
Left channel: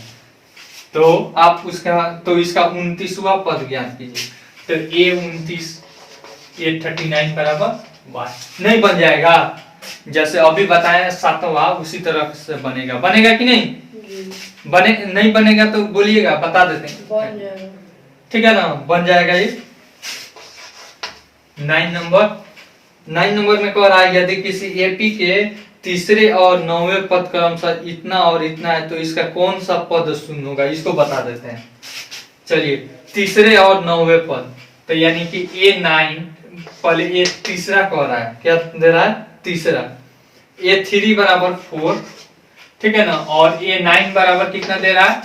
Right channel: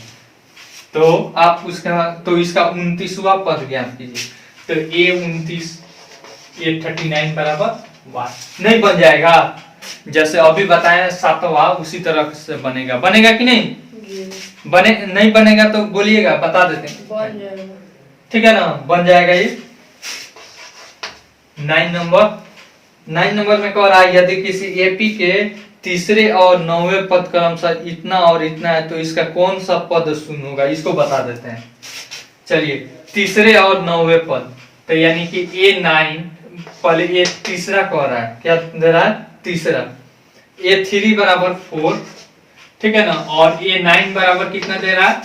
तो आप उसका, तो इसका 29वां पद ज्ञात कीजिए। तो A29, A39 बराबर 1 नहीं बन जाएगा? जैसे अभी बताया 7वां, उसी तरह से बनेगा। बनेगा कि नहीं? बने नहीं बनेगा तो बोलिएगा, बता देते हैं। ठीक है ना, बन जाएगा ये। 9 नंबर में कह रहा है यदि किसी एपी के तीसरे और 9वें पद क्रमशः इतना और इतना है तो इसका कौन सा पद शून्य होगा, इसको बता देते हैं। चलिए, तीसरे और 9वें पद, तो यानी कि A9, पहले ये तीसरा कह रहा है, क्या दे रहा है? तीसरा। A3 बराबर 4, ठीक है ना, और A9 बराबर कितना दे रहा है?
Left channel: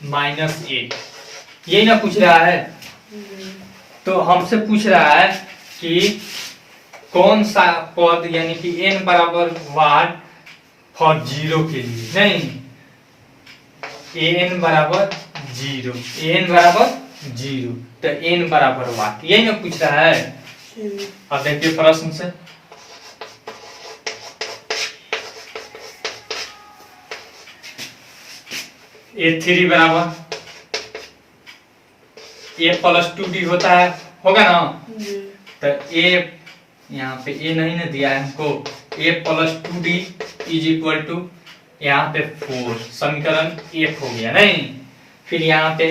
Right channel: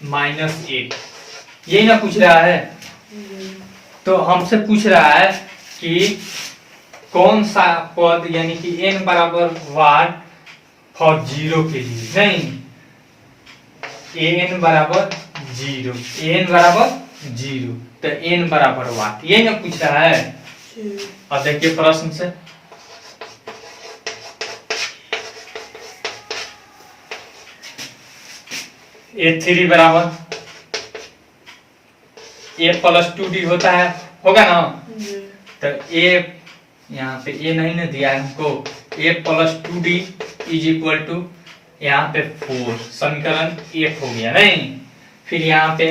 -8। यही ना पूछ रहा है? तो हमसे पूछ रहा है कि कौन सा पद, यानी कि n बराबर वाट फॉर 0 के लिए, नहीं, an बराबर 0, an बराबर 0, तो n बराबर वाट, यही ना पूछ रहा है। अब देखिए प्रश्न से, A3 बराबर A + 2D होता है, होगा ना? तो A, यहाँ पे A नहीं ना दिया है हमको, A + 2D = यहाँ पे 4, समीकरण 8 हो गया, नहीं? फिर यहाँ पे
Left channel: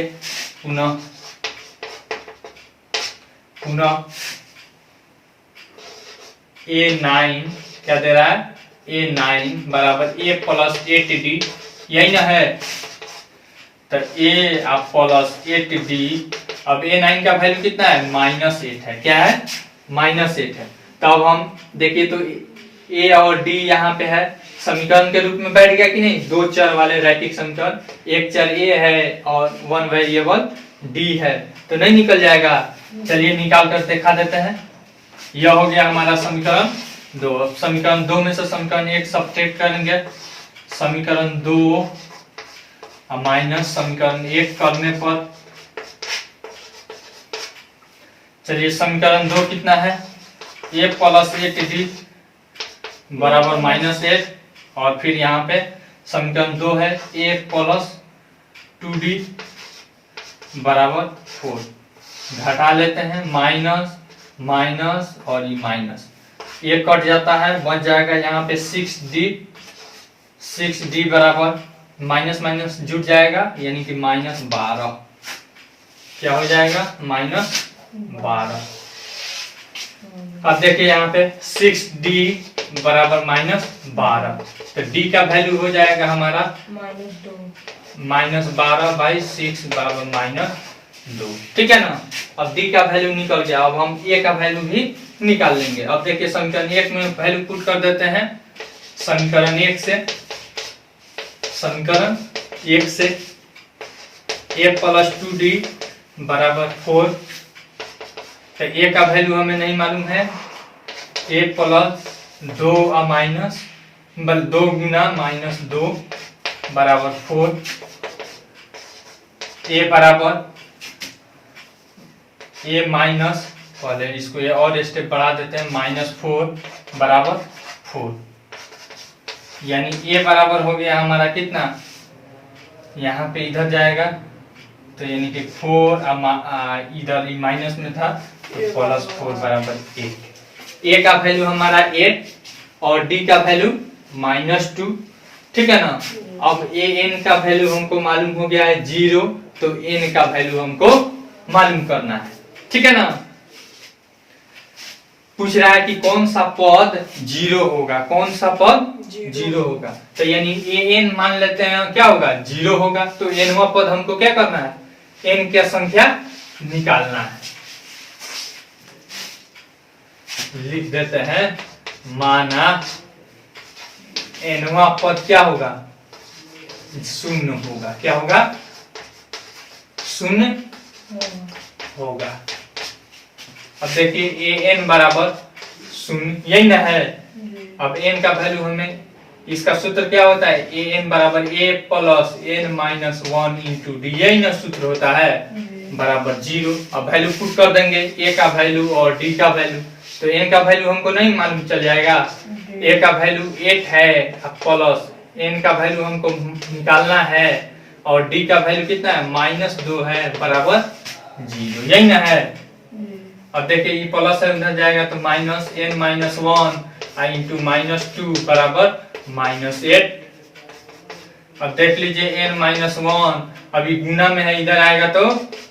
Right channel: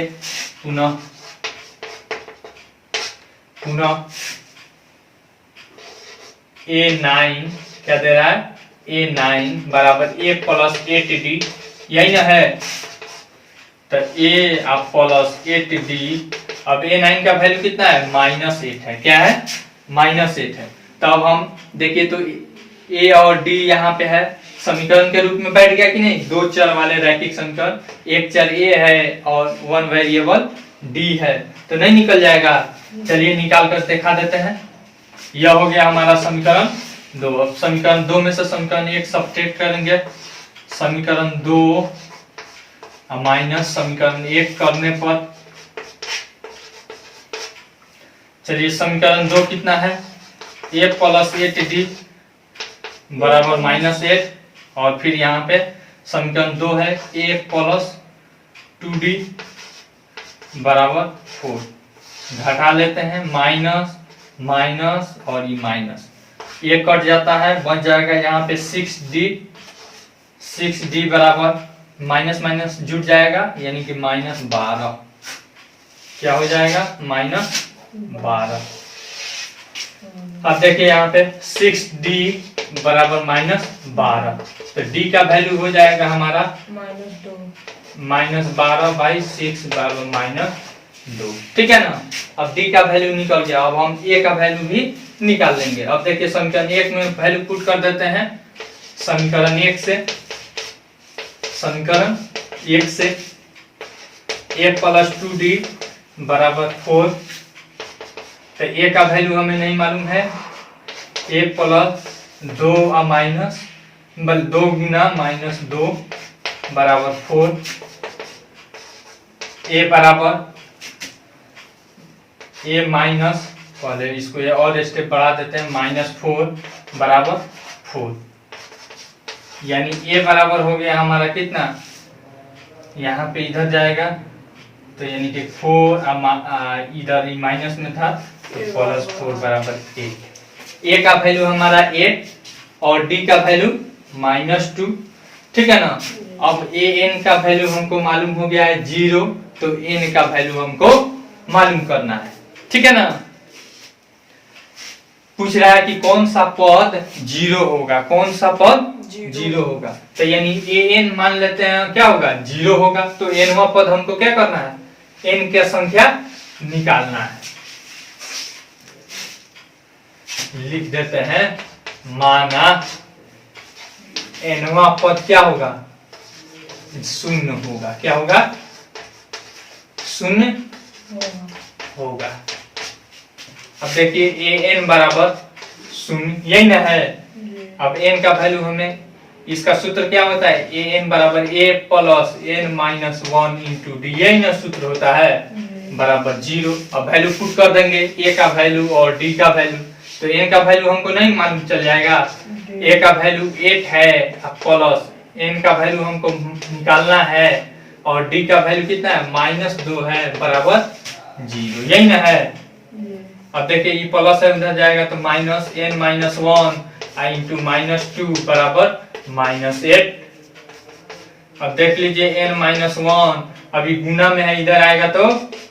पुनः A9 क्या दे रहा है? A9 बराबर A + 8D, यही ना है? तो A + 8D, अब A9 का वैल्यू कितना है? -8 है। क्या है? -8 है। तब हम देखिए तो A और D यहाँ पे है, समीकरण के रूप में बैठ गया कि नहीं? दो चर वाले रैखिक समीकरण, एक चर A है और 1 वेरिएबल D है, तो नहीं निकल जाएगा। चलिए निकाल कर दिखा देते हैं। यह हो गया हमारा समीकरण 2। अब समीकरण 2 में से समीकरण 1 सब्ट्रैक्ट करेंगे, समीकरण 2 माइनस समीकरण 1 करने पर, चलिए समीकरण 2 कितना है? A + 8D बराबर -8, और फिर यहाँ पे समीकरण 2 है A + 2D बराबर 4, घटा लेते हैं, माइनस माइनस और ये माइनस, ये कट जाता है, बच जाएगा यहाँ पे 6D बराबर माइनस माइनस जुट जाएगा, यानी कि -12, क्या हो जाएगा? -12। अब देखिए यहाँ पे 6D बराबर -12, तो D का वैल्यू हो जाएगा हमारा -12/6 बराबर -2, ठीक है ना? अब D का वैल्यू निकल गया, अब हम A का वैल्यू भी निकाल लेंगे। अब देखिए समीकरण 1 में वैल्यू पुट कर देते हैं, समीकरण 1 से A + 2D बराबर 4, तो A का वैल्यू हमें नहीं मालूम है, A + 2 माइनस 2 गुना -2 बराबर 4, A बराबर A माइनस, पहले इसको ये और स्टेप बढ़ा देते हैं, -4 बराबर 4, यानी A बराबर हो गया हमारा कितना? यहाँ पे इधर जाएगा, तो यानी कि 4 इधर माइनस में था, तो +4 बराबर 8। A का वैल्यू हमारा 8 और D का वैल्यू -2, ठीक है ना? अब An का वैल्यू हमको मालूम हो गया है 0, तो N का वैल्यू हमको मालूम करना है, ठीक है ना? पूछ रहा है कि कौन सा पद जीरो होगा, कौन सा पद जीरो होगा। तो यानी ए एन मान लेते हैं क्या होगा, जीरो होगा। तो एनवा पद हमको क्या करना है, एन की संख्या निकालना है। लिख देते हैं, माना एनवा पद क्या होगा, शून्य होगा। क्या होगा, शून्य होगा। अब देखिए ए एन बराबर शून्य, यही ना है। अब एन का वैल्यू हमें, इसका सूत्र क्या होता है, ए एन बराबर A plus N minus one into D, यही ना सूत्र होता है, बराबर जीरो। अब वैल्यू पुट कर देंगे, ए का वैल्यू और डी का वैल्यू। तो एन का वैल्यू हमको नहीं मालूम चल जाएगा, ए का वैल्यू 8 है प्लस एन का वैल्यू हमको निकालना है और डी का वैल्यू कितना है, -2 है, बराबर जीरो, यही ना है। अब देखिए ये प्लस है, उधर जाएगा तो minus n minus one into -2 बराबर -8। अब देख लीजिए एन -1 अभी गुना में है, इधर आएगा तो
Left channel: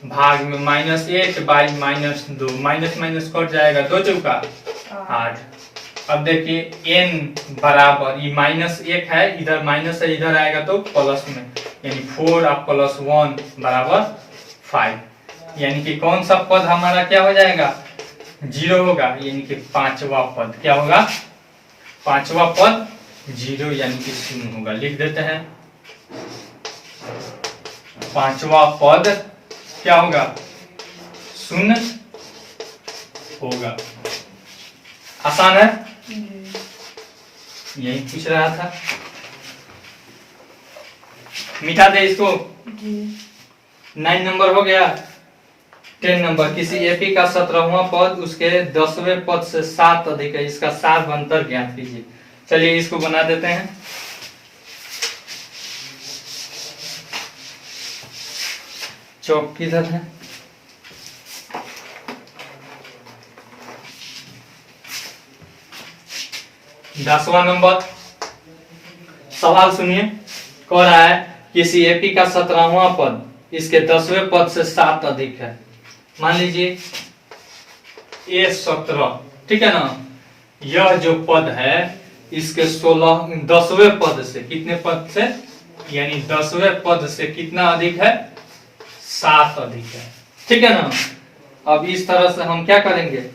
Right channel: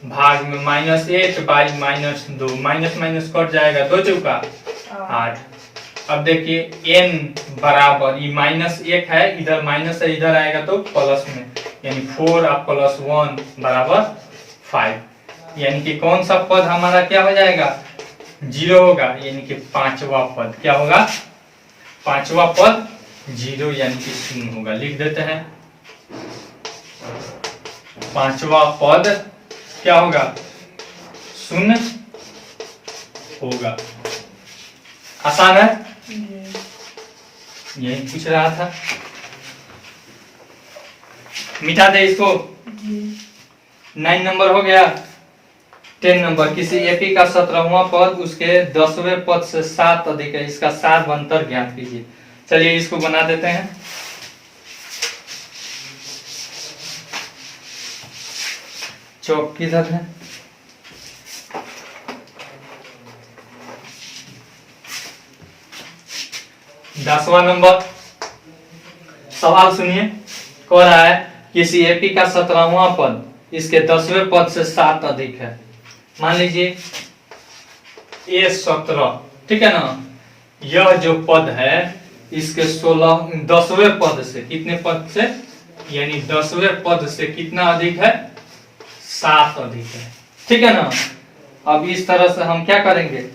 भाग में, -8 बाई -2, माइनस माइनस कट जाएगा, 2 चौका 8। अब देखिए एन बराबर, ये -1 है, इधर माइनस है, इधर आएगा तो प्लस में, यानी 4 और प्लस 1 बराबर 5। यानी कि कौन सा पद हमारा क्या हो जाएगा, जीरो होगा। यानी कि पांचवा पद क्या होगा, पांचवा पद जीरो यानी कि शून्य होगा। लिख देते हैं, पांचवा पद क्या होगा, शून्य होगा। आसान है, यही पूछ रहा था। मिटा दे इसको। 9 नंबर हो गया। 10 नंबर, किसी एपी का 17वां पद उसके 10वें पद से 7 अधिक है, इसका सार अंतर ज्ञात कीजिए। चलिए इसको बना देते हैं। चौक किधर है, दसवां नंबर सवाल सुनिए। कह रहा है किसी एपी का 17वां पद इसके 10वें पद से 7 अधिक है। मान लीजिए ए 17, ठीक है ना, यह जो पद है इसके 10वें पद से, कितने पद से, यानी 10वें पद से कितना अधिक है, 7 अधिक है, ठीक है ना। अब इस तरह से हम क्या करेंगे,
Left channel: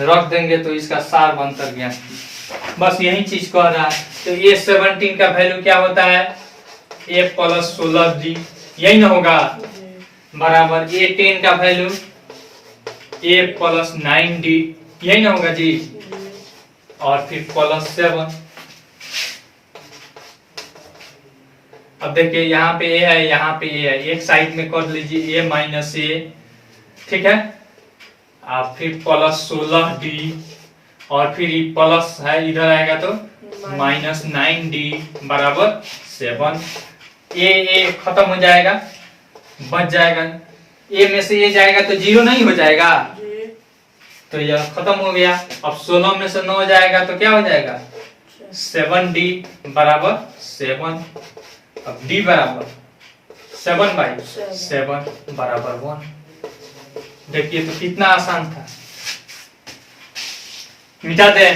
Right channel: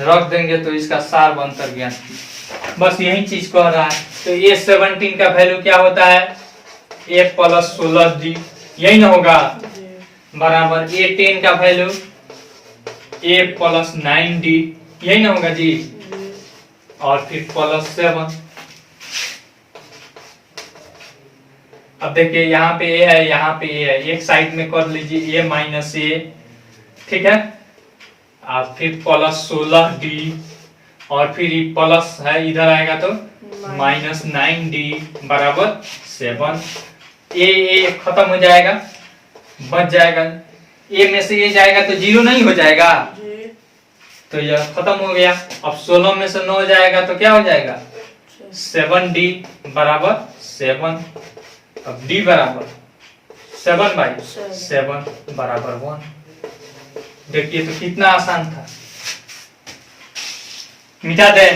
रख देंगे तो इसका सार अंतर ज्ञात कीजिए। बस यही चीज कह रहा है। तो ए 17 का वैल्यू क्या होता है, ए प्लस 16 डी, यही ना होगा, बराबर ए 10 का वैल्यू ए प्लस 9 डी, यही ना होगा जी, और फिर प्लस 7। अब देखिए यहाँ पे ए है, यहाँ पे ए है, एक साइड में कर लीजिए ए माइनस ए, ठीक है, और फिर प्लस 16 डी, और फिर प्लस है, इधर आएगा तो -9 डी बराबर 7। ए खत्म हो जाएगा, बच जाएगा, ए में से ये जाएगा तो 0 नहीं हो जाएगा, तो यह खत्म हो गया। अब 16 में से 9 जाएगा तो क्या हो जाएगा, 7d बराबर 7। अब d बराबर 7/7 बराबर 1। देखिए तो कितना आसान था। मिटा दे,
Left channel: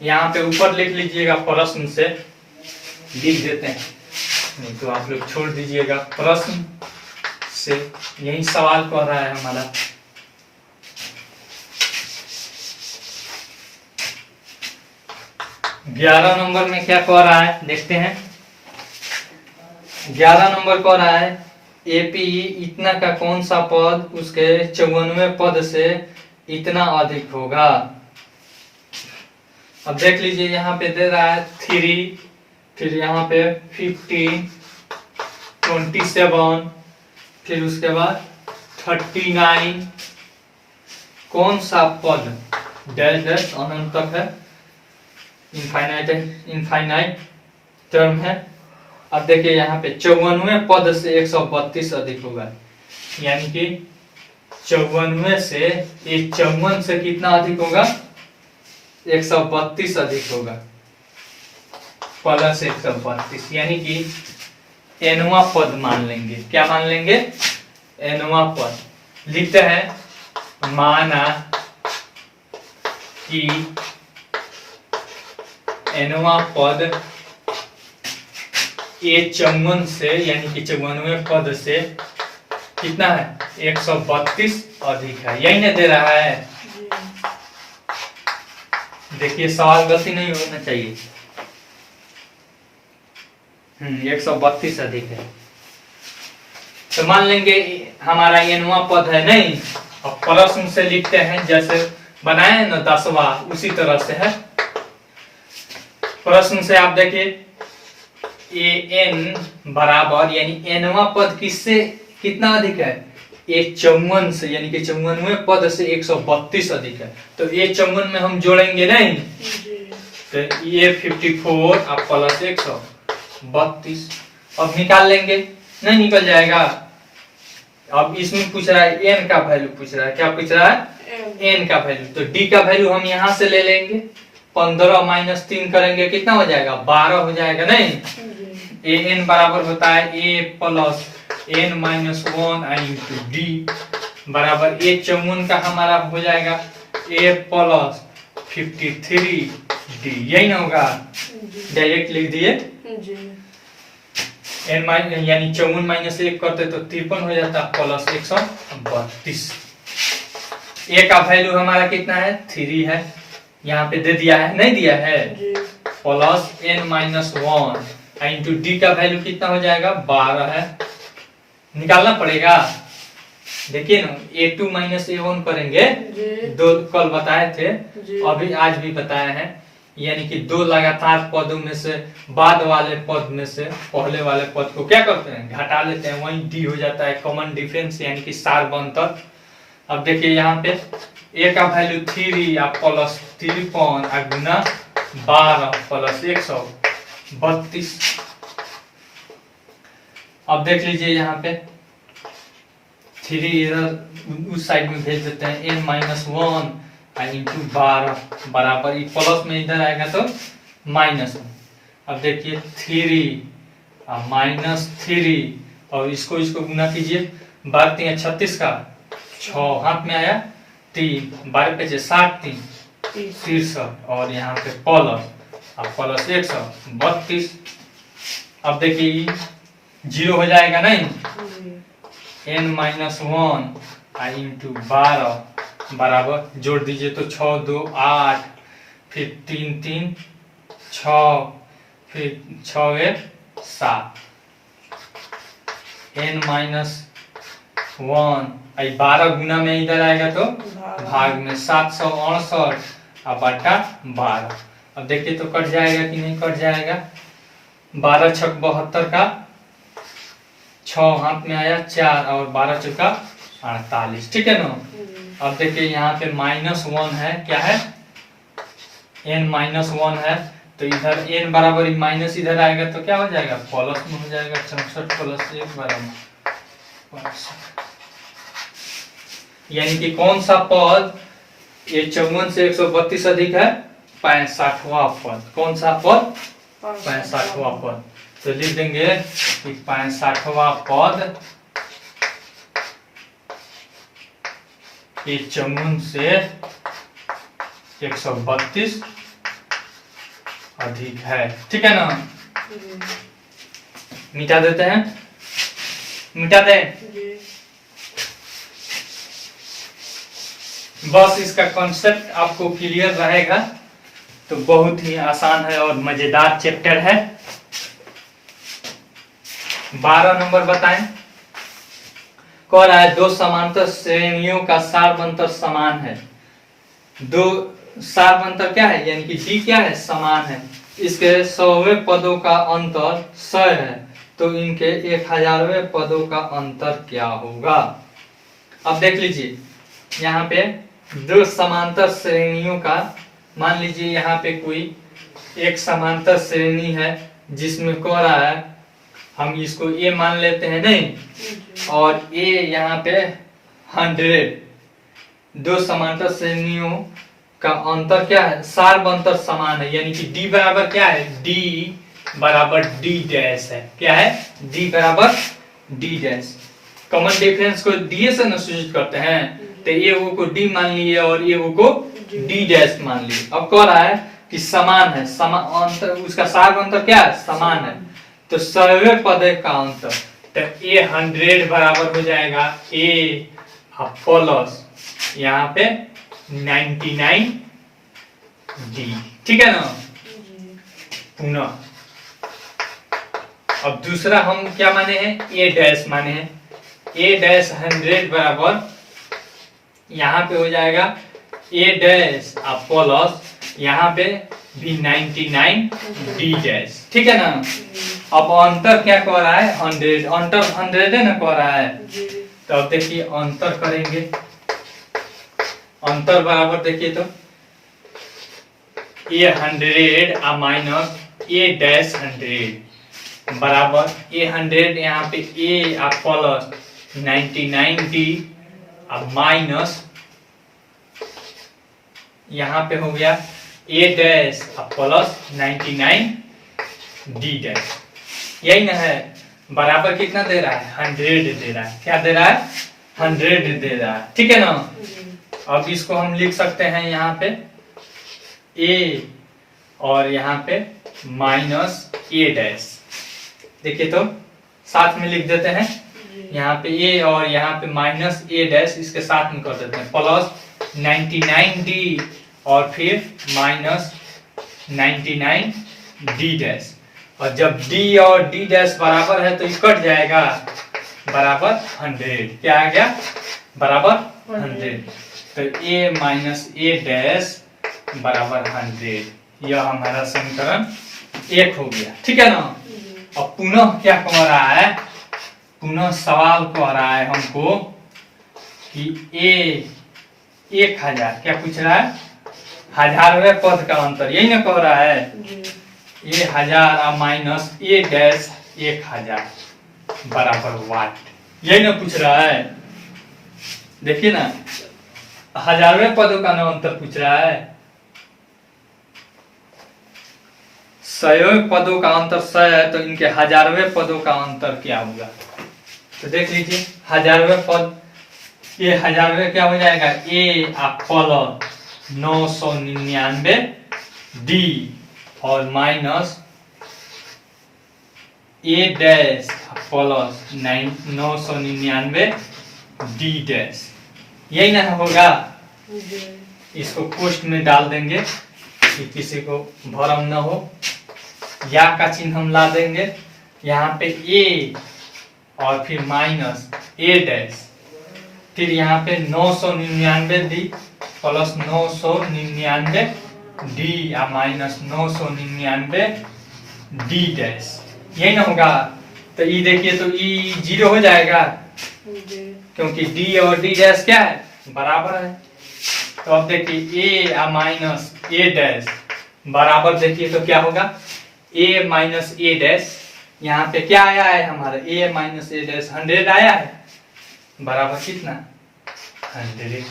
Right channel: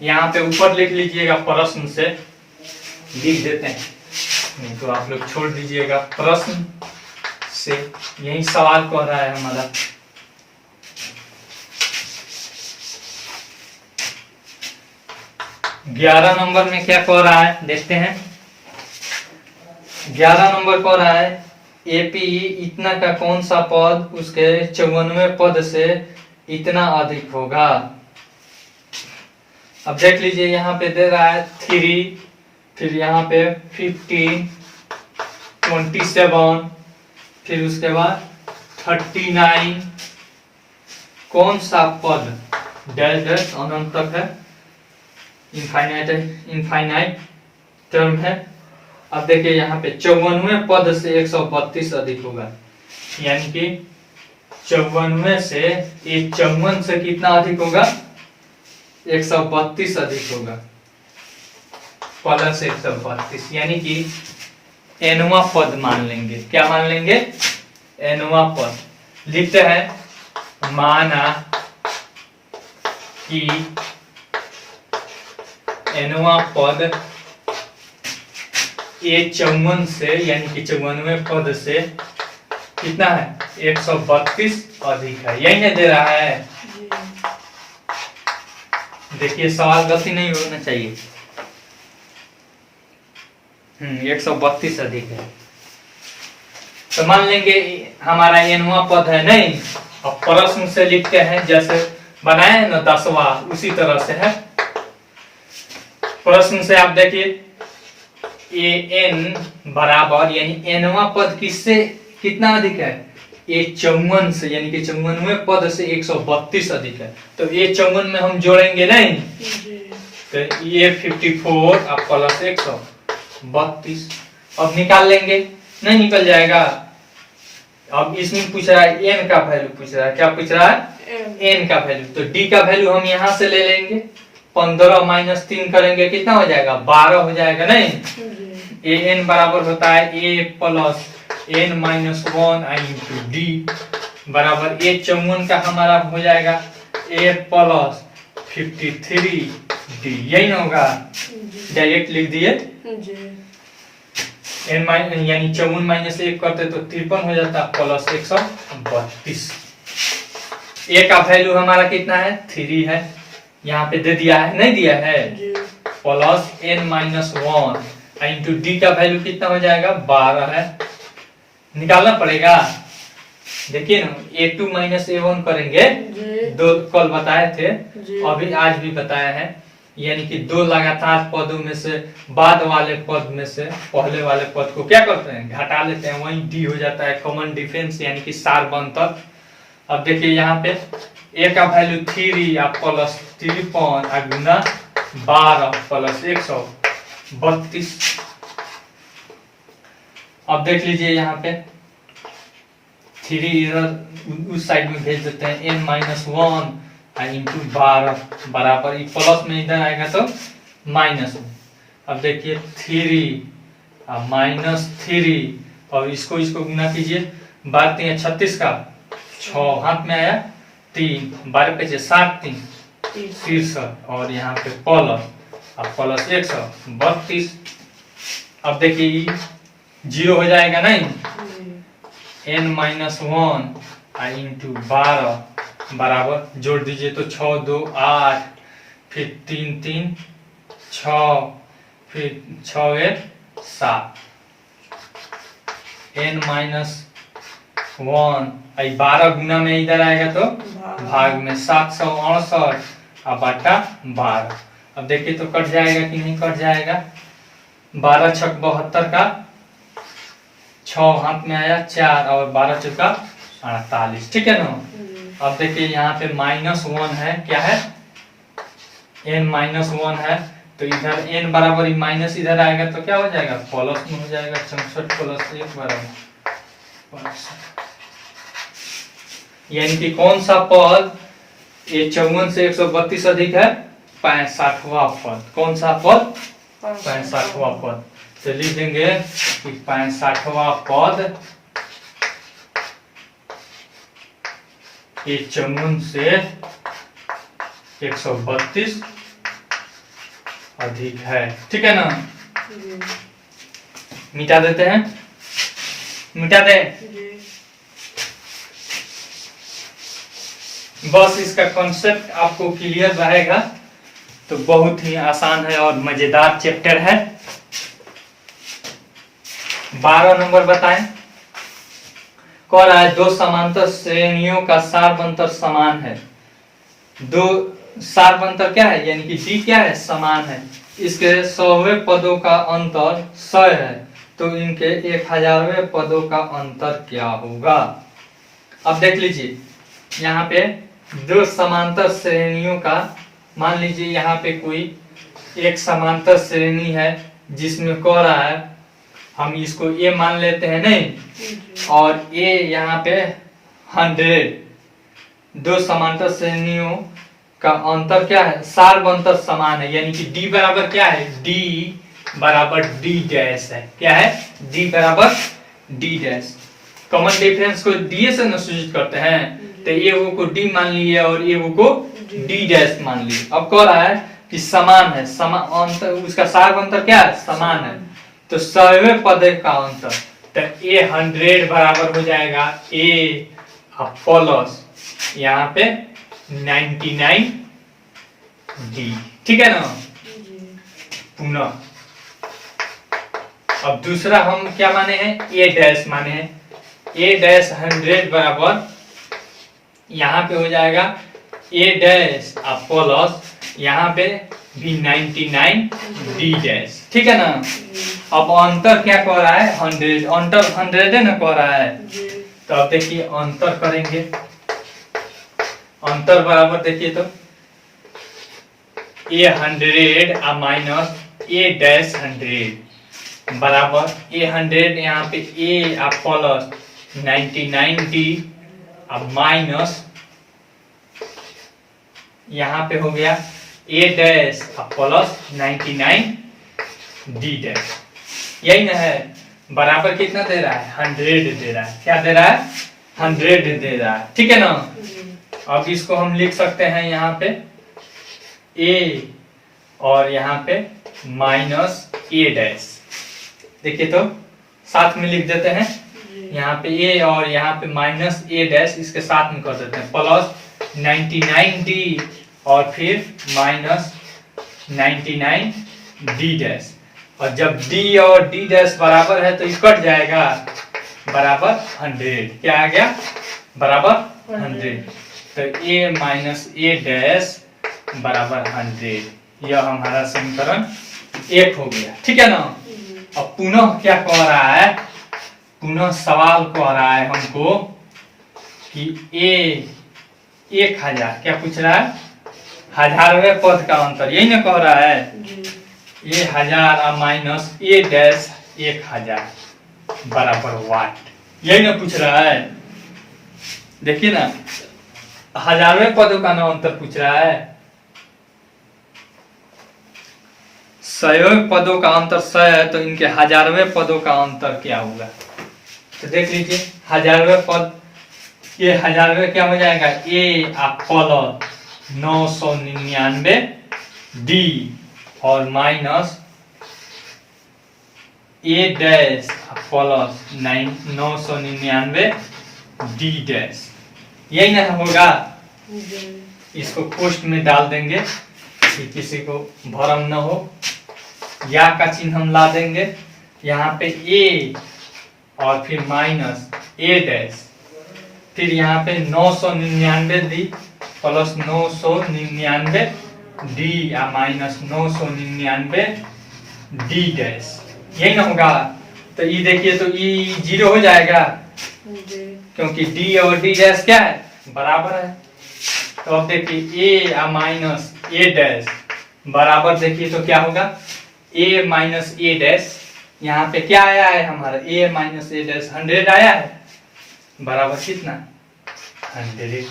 यहाँ पे ऊपर लिख लीजिएगा, प्रश्न से लिख देते हैं, नहीं तो आप लोग छोड़ दीजिएगा। प्रश्न से यही सवाल कह रहा है हमारा। ग्यारह नंबर में क्या कह रहा है देखते हैं। 11 नंबर कह रहा है एपी इतना का कौन सा पद उसके 54वें पद से इतना अधिक होगा। अब देख लीजिए, यहाँ पे दे रहा है 3, फिर यहाँ पे 15, 27, फिर उसके बाद 39। कौन सा पद डैश डैश अनंत तक है, इनफाइनाइट टर्म है। अब देखिए यहाँ पे 54वें पद से 132 अधिक होगा, यानी कि 54वें से ये 54 से कितना अधिक होगा, 132 अधिक होगा, प्लस 132, यानी कि एनवा पद मान लेंगे। क्या मान लेंगे, एनवा पद। लिखते हैं माना कि nवां पद A54 से यानी कि 54वें पद से कितना है 132 अधिक है, यही ना दे रहा है। देखिए सवाल गलती नहीं होना चाहिए। 132 अधिक है तो मान लेंगे हमारा nवां पद है नहीं, और प्रश्न से लिखते हैं जैसे बनाए हैं ना 10वां, उसी तरह से है। प्रश्न से आप देखिए an बराबर यानी nवां पद किससे कितना अधिक है 54 से, यानी कि 54वें पद से 132 अधिक है। तो A54 में हम जोड़ेंगे नहीं, तो A54 आप प्लस 132 अब निकाल लेंगे, नहीं निकल जाएगा। अब इसमें पूछ रहा है n का वैल्यू पूछ रहा है, क्या पूछ रहा है n का वैल्यू, तो d का वैल्यू हम यहां से ले लेंगे। 15 माइनस 3 करेंगे कितना हो जाएगा 12 हो जाएगा नहीं। an बराबर होता है a plus n minus 1 into D बराबर A54 का हमारा हो जाएगा a प्लस 53 डी, यही ना होगा, डायरेक्ट लिख दिए। n माइनस यानी 54 माइनस 1 करते तो 53 हो जाता प्लस 132। a का वैल्यू हमारा कितना है 3 है, यहाँ पे दे दिया है नहीं दिया है, plus n minus 1 into d का वैल्यू कितना हो जाएगा 12 है, निकालना पड़ेगा। देखिए ना a2 माइनस a1 करेंगे, दो कल बताए थे, अभी आज भी बताए हैं, यानी कि दो लगातार पदों में से बाद वाले पद में से पहले वाले पद को क्या करते हैं घटा लेते हैं, वही डी हो जाता है कॉमन डिफरेंस यानी कि सार बनतर। अब देखिए यहाँ पे a का वैल्यू 3 आप प्लस 53 गुना 12 प्लस 132। अब देख लीजिए यहाँ पे 3 इधर उस साइड में भेज देते हैं, n माइनस 1 इंटू 12 बराबर प्लस में इधर आएगा तो माइनस में। अब देखिए 3 माइनस 3 और इसको गुना कीजिए, 12 36 का 6 हाथ में आया 3 12 पे 60 63 और यहाँ पे प्लस 132। अब देखिए 0 हो जाएगा नहीं, n माइनस 1 इंटू 12 बराबर जोड़ दीजिए तो 6 2 8 फिर 3 3 6 फिर 6 1 7 n माइनस 1 12 गुना में इधर आएगा तो भाग में 768 और बटा 12। अब देखिए तो कट जाएगा कि नहीं कट जाएगा, 12 छक 72 का 6 हाथ में आया 4 और 12 चौका 48, ठीक है ना। अब देखिए यहाँ पे -1 है, क्या है n -1 है, तो इधर n बराबर माइनस इधर आएगा तो क्या हो जाएगा प्लस में हो जाएगा, 64 प्लस 1 बराबर 65। यानी कि कौन सा पद A54 से 132 अधिक है 65वां पद, कौन सा पद 65वां पद। तो लिख देंगे कि 65वां पद A54 से 132 अधिक है, ठीक है ना। मिटा देते हैं, मिटा दे। बस इसका कॉन्सेप्ट आपको क्लियर रहेगा तो बहुत ही आसान है और मजेदार चैप्टर है। 12 नंबर बताएं। कह रहा है दो समांतर श्रेणियों का सारबंतर समान है। दो सारबंतर क्या है, यानी कि डी क्या है समान है, इसके 100वें पदों का अंतर 100 है, तो इनके 1000वें पदों का अंतर क्या होगा। अब देख लीजिए यहाँ पे दो समांतर श्रेणियों का, मान लीजिए यहाँ पे कोई एक समांतर श्रेणी है जिसमें कह रहा है, हम इसको ए मान लेते हैं नहीं, और ए यहाँ पे 100। दो समांतर श्रेणियों का अंतर क्या है, सारबंतर समान है, यानी कि डी बराबर क्या है, डी बराबर डी डैश है। क्या है, डी बराबर डी डैश। कॉमन डिफरेंस को डी से न सूचित करते हैं, तो ए वो को डी मान लिए और ए वो को डी डैश मान लिए। अब कह रहा है कि समान है, अंतर उसका सार्व अंतर क्या है, समान है, तो सवे पद का अंतर, तो ए 100 बराबर हो जाएगा ए प्लस यहाँ पे 99 डी, ठीक है ना। पुनः अब दूसरा हम क्या माने हैं, ए डैश माने हैं, ए डैश 100 बराबर यहाँ पे हो जाएगा ए डैश प्लस यहाँ पे भी 99 डी डैश, ठीक है ना। अब अंतर क्या कह रहा है, 100, अंतर 100 है ना कह रहा है, तो अब देखिए अंतर करेंगे, अंतर बराबर देखिए तो ए 100 माइनस ए डैश 100 बराबर ए 100 यहाँ पे ए प्लस 99 डी माइनस यहाँ पे हो गया ए डैश प्लस 99 डी डैश, यही ना है। बराबर कितना दे रहा है, 100 दे रहा है, क्या दे रहा है, 100 दे रहा है, ठीक है ना। अब इसको हम लिख सकते हैं यहाँ पे ए और यहाँ पे माइनस ए डैश, देखिए तो साथ में लिख देते हैं, यहाँ पे ए और यहाँ पे माइनस ए डैश, इसके साथ में कर देते हैं, प्लस 99 डी और फिर माइनस 99 डी डैश, और जब डी और डी डैश बराबर है तो ये कट जाएगा, बराबर 100, क्या आ गया, बराबर 100, तो ए माइनस ए डैश बराबर 100, यह हमारा समीकरण 1 हो गया, ठीक है ना। अब पुनः क्या कह रहा है, पुनः सवाल कह रहा है हमको कि ए 1000, क्या पूछ रहा है, 1000वें पद का अंतर, यही ना कह रहा है, ए 1000 माइनस ए डैश 1000 बराबर वाट, यही ना पूछ रहा है। देखिए ना 1000वें पद का ना अंतर पूछ रहा है, 100वें पदों का अंतर 100 है, तो इनके 1000वें पदों का अंतर क्या होगा, तो देख लीजिए 1000वें पद, ये 1000वें क्या हो जाएगा, ए प्लस 999 डी और माइनस ए डैश प्लस 999 डी डैश, यही ना होगा। इसको पोस्ट में डाल देंगे कि किसी को भ्रम न हो, या का चिन्ह हम ला देंगे यहाँ पे ए और फिर माइनस ए डैश, फिर यहाँ पे 999 डी प्लस 999 डी या माइनस 999 डी डैश, यही ना होगा। तो ये देखिए तो ये 0 हो जाएगा, क्योंकि डी और डी डैश क्या है, बराबर है। तो अब देखिए ए माइनस ए डैश बराबर, देखिए तो क्या होगा, ए माइनस ए डैश, यहाँ पे क्या आया है हमारा, ए माइनस ए डैश 100 आया है, बराबर कितना, 100,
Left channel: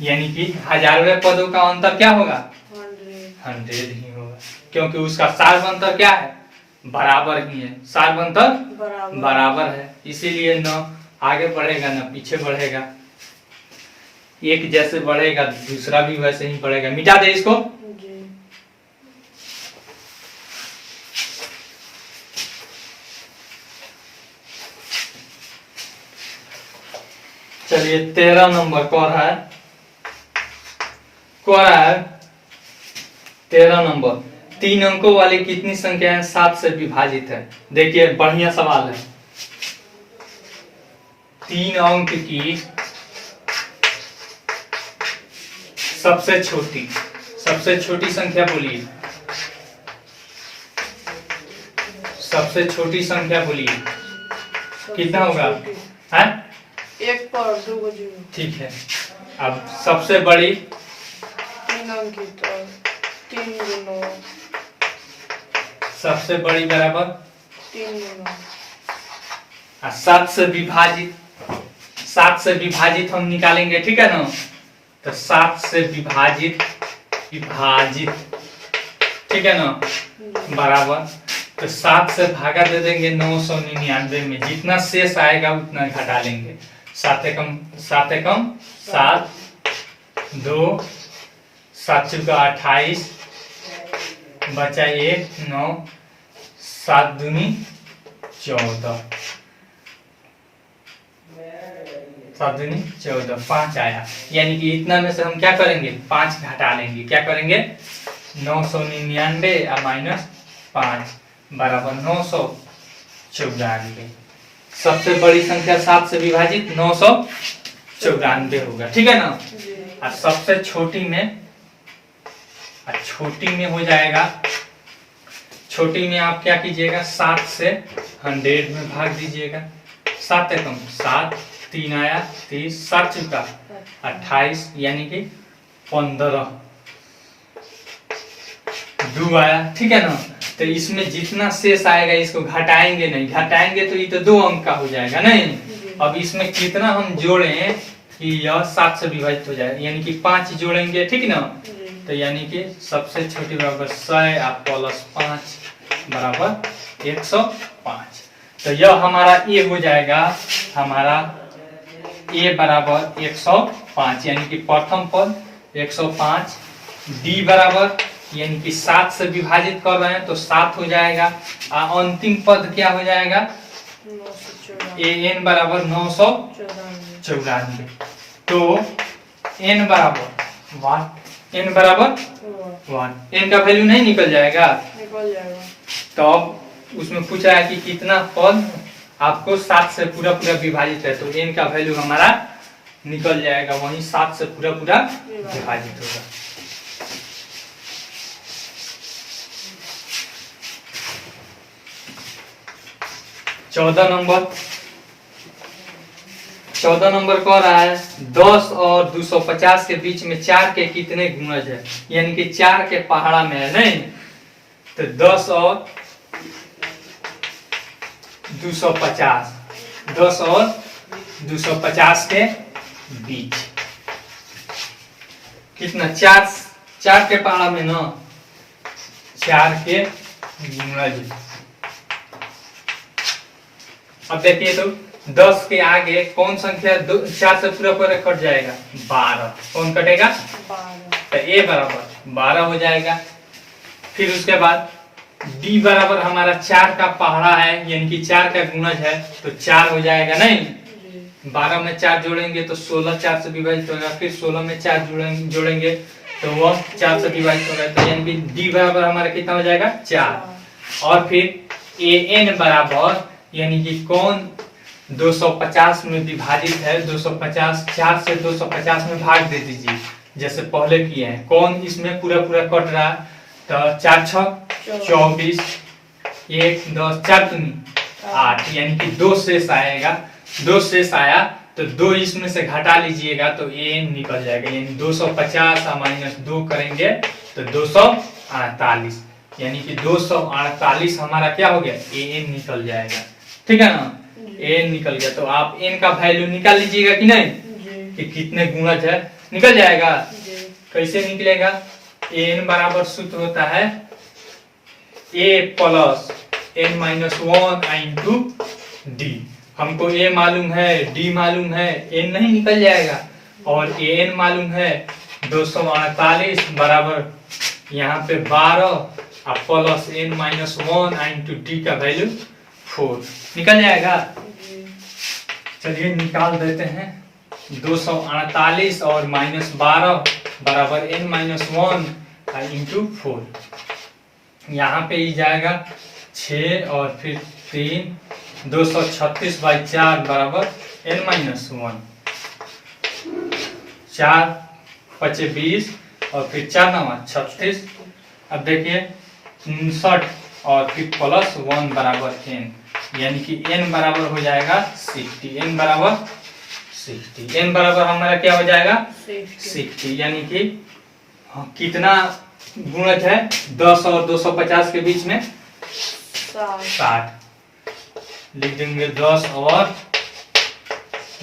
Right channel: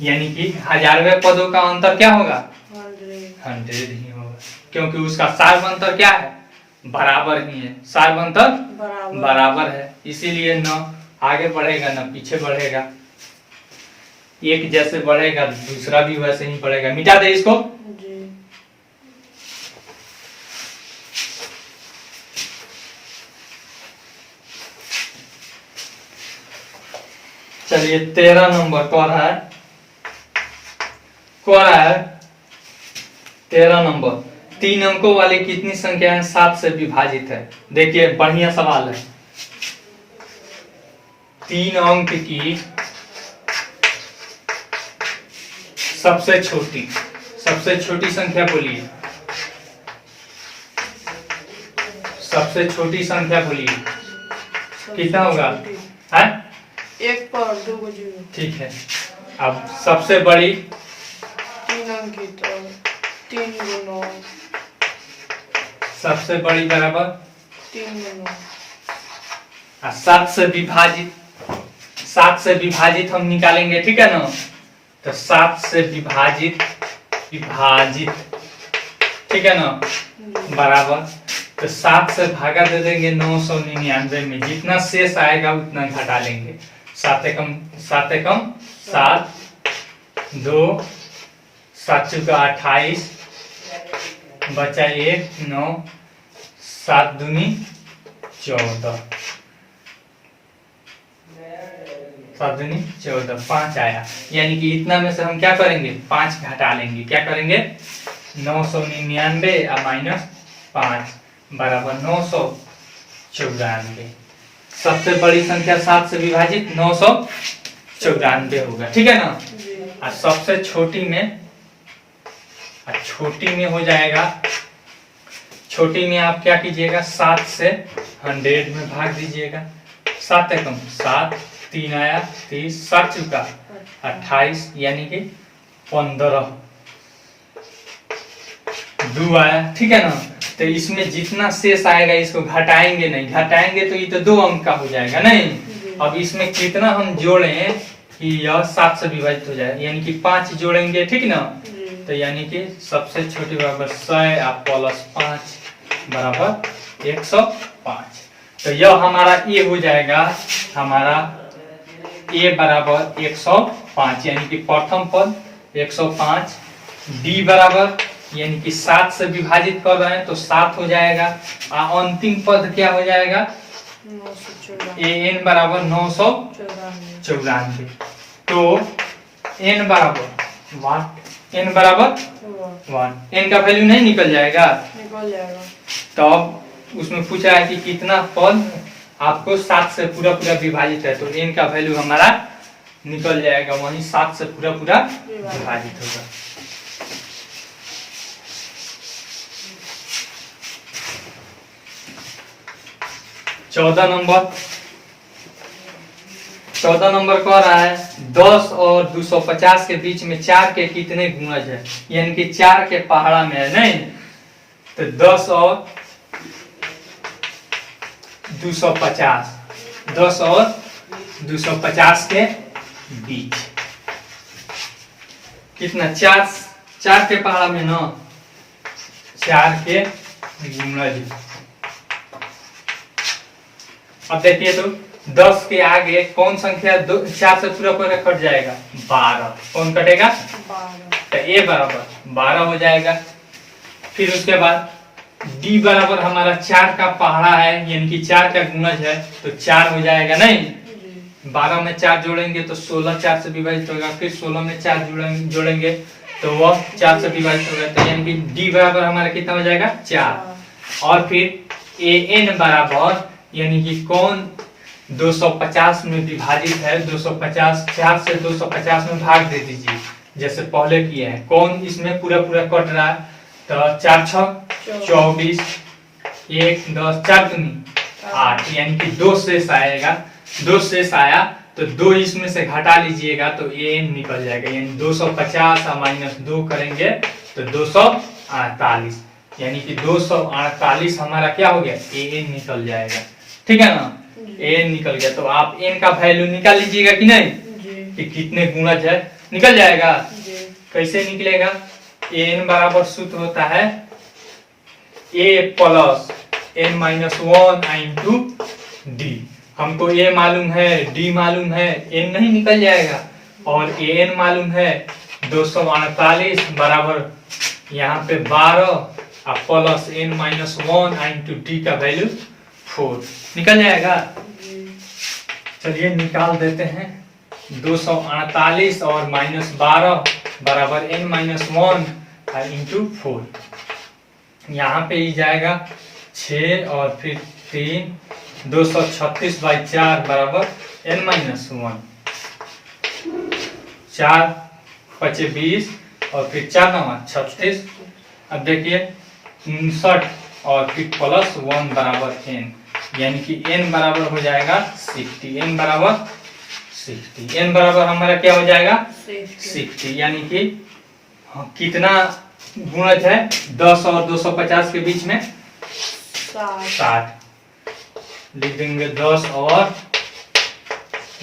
यानी कि 1000वें पदों का अंतर क्या होगा, 100 ही होगा, क्योंकि उसका सार्व अंतर क्या है, बराबर ही है, सार्व अंतर बराबर है, इसीलिए न आगे बढ़ेगा न पीछे बढ़ेगा, एक जैसे बढ़ेगा दूसरा भी वैसे ही बढ़ेगा। मिटा दे इसको, चलिए 13 नंबर कह रहा है 13 नंबर, 3 अंकों वाली कितनी संख्याएं 7 से विभाजित है। देखिए बढ़िया सवाल है, 3 अंक की सबसे छोटी संख्या बोलिए, सबसे छोटी संख्या बोलिए, कितना होगा, है 1 पर 2 0, ठीक है। अब सबसे बड़ी 3 अंक की तो 3 गुना, सबसे बड़ी बराबर 3 गुना, 7 से विभाजित हम निकालेंगे, ठीक है ना। तो 7 से विभाजित, ठीक है ना, बराबर तो 7 से भागा दे देंगे 999 में, जितना शेष आएगा उतना घटा लेंगे। 7 एकम 7, 2 7 चौका 28, बचा 1 9, 7 दूनी 14, 7 दूनी 14, 5 आया। यानी कि इतना में से हम क्या करेंगे, 5 घटा लेंगे। क्या करेंगे, 999 और माइनस 5 बराबर 994। सबसे बड़ी संख्या 7 से विभाजित 994 होगा, ठीक है ना। और सबसे छोटी में हो जाएगा, छोटी में आप क्या कीजिएगा, 7 से 100 में भाग दीजिएगा। 7 एकम 7, 3 आया 30, 7 चौका 28, यानी कि 15, 2 आया, ठीक है ना। तो इसमें जितना शेष आएगा इसको घटाएंगे नहीं, घटाएंगे तो ये तो 2 अंक का हो जाएगा नहीं। अब इसमें कितना हम जोड़े कि यह 7 से विभाजित हो जाए, यानी कि 5 जोड़ेंगे, ठीक ना। तो यानी कि सबसे छोटी बराबर 100 और प्लस 5 बराबर 105। तो यह हमारा ए हो जाएगा, हमारा ए बराबर 105, यानी कि प्रथम पद 105। डी बराबर यानी कि 7 से विभाजित कर रहे हैं तो 7 हो जाएगा। अंतिम पद क्या हो जाएगा, ए एन बराबर 994। तो एन बराबर 1, एन का वैल्यू नहीं निकल जाएगा। तो अब उसमें पूछा है कि कितना पद आपको 7 से पूरा विभाजित है, तो एन का वैल्यू हमारा निकल जाएगा, वही 7 से पूरा विभाजित होगा। चौदह नंबर कह रहा है 10 और 250 के बीच में 4 के कितने गुणज है, यानी कि 4 के पहाड़ा में है नहीं। तो 10 और 250, 10 और 250 के बीच कितना, 4 के पहाड़ा में ना, 4 के गुणज। अब देखिए तो 10 के आगे कौन संख्या 4 से पूरा कट जाएगा, 12। कौन कटेगा, 12। तो ए बराबर 12 हो जाएगा। फिर उसके बाद डी बराबर हमारा 4 का पहाड़ा है, यानी कि 4 का गुणज है, तो 4 हो जाएगा नहीं। 12 में 4 जोड़ेंगे तो 16 4 से विभाजित होगा, फिर 16 में 4 जोड़ेंगे तो वह 4 से विभाजित होगा। तो यानी कि डी बराबर हमारा कितना हो जाएगा, 4। और फिर ए एन बराबर यानी कि कौन 250 में विभाजित है, 250, 4 से 250 में भाग दे दीजिए जैसे पहले किए हैं। कौन इसमें पूरा कट रहा है, तो 4 6 24, 1 10, 4 दूनी 8, यानी कि 2 शेष आएगा। 2 शेष आया तो 2 इसमें से घटा लीजिएगा तो ए निकल जाएगा, यानी 250 और माइनस 2 करेंगे तो 248, यानी कि 248 हमारा क्या हो गया, ए निकल जाएगा, ठीक है ना। एन निकल गया। तो आप एन का वैल्यू निकाल लीजिएगा कि नहीं, कि कितने गुणज है, निकल जाएगा। कैसे निकलेगा, एन बराबर सूत्र होता है A plus N minus 1 into D. हमको ए मालूम है, डी मालूम है, एन नहीं निकल जाएगा। और एन मालूम है 248 बराबर यहाँ पे 12 और plus N minus 1 into d का वैल्यू 4 निकल जाएगा। चलिए निकाल देते हैं। 248 और माइनस 12 बराबर एन माइनस 1 इंटू 4। यहाँ पे ही जाएगा 6 और फिर 3, 236/4 बराबर एन माइनस 1। 4 5 20 और फिर 4 9 36। अब देखिए 59 और फिर प्लस 1 बराबर एन, यानी कि n बराबर हो जाएगा 60। n बराबर 60, n बराबर हमारा क्या हो जाएगा 60, यानी कि कितना गुणज है 10 और 250 के बीच में 60। लिख देंगे 10 और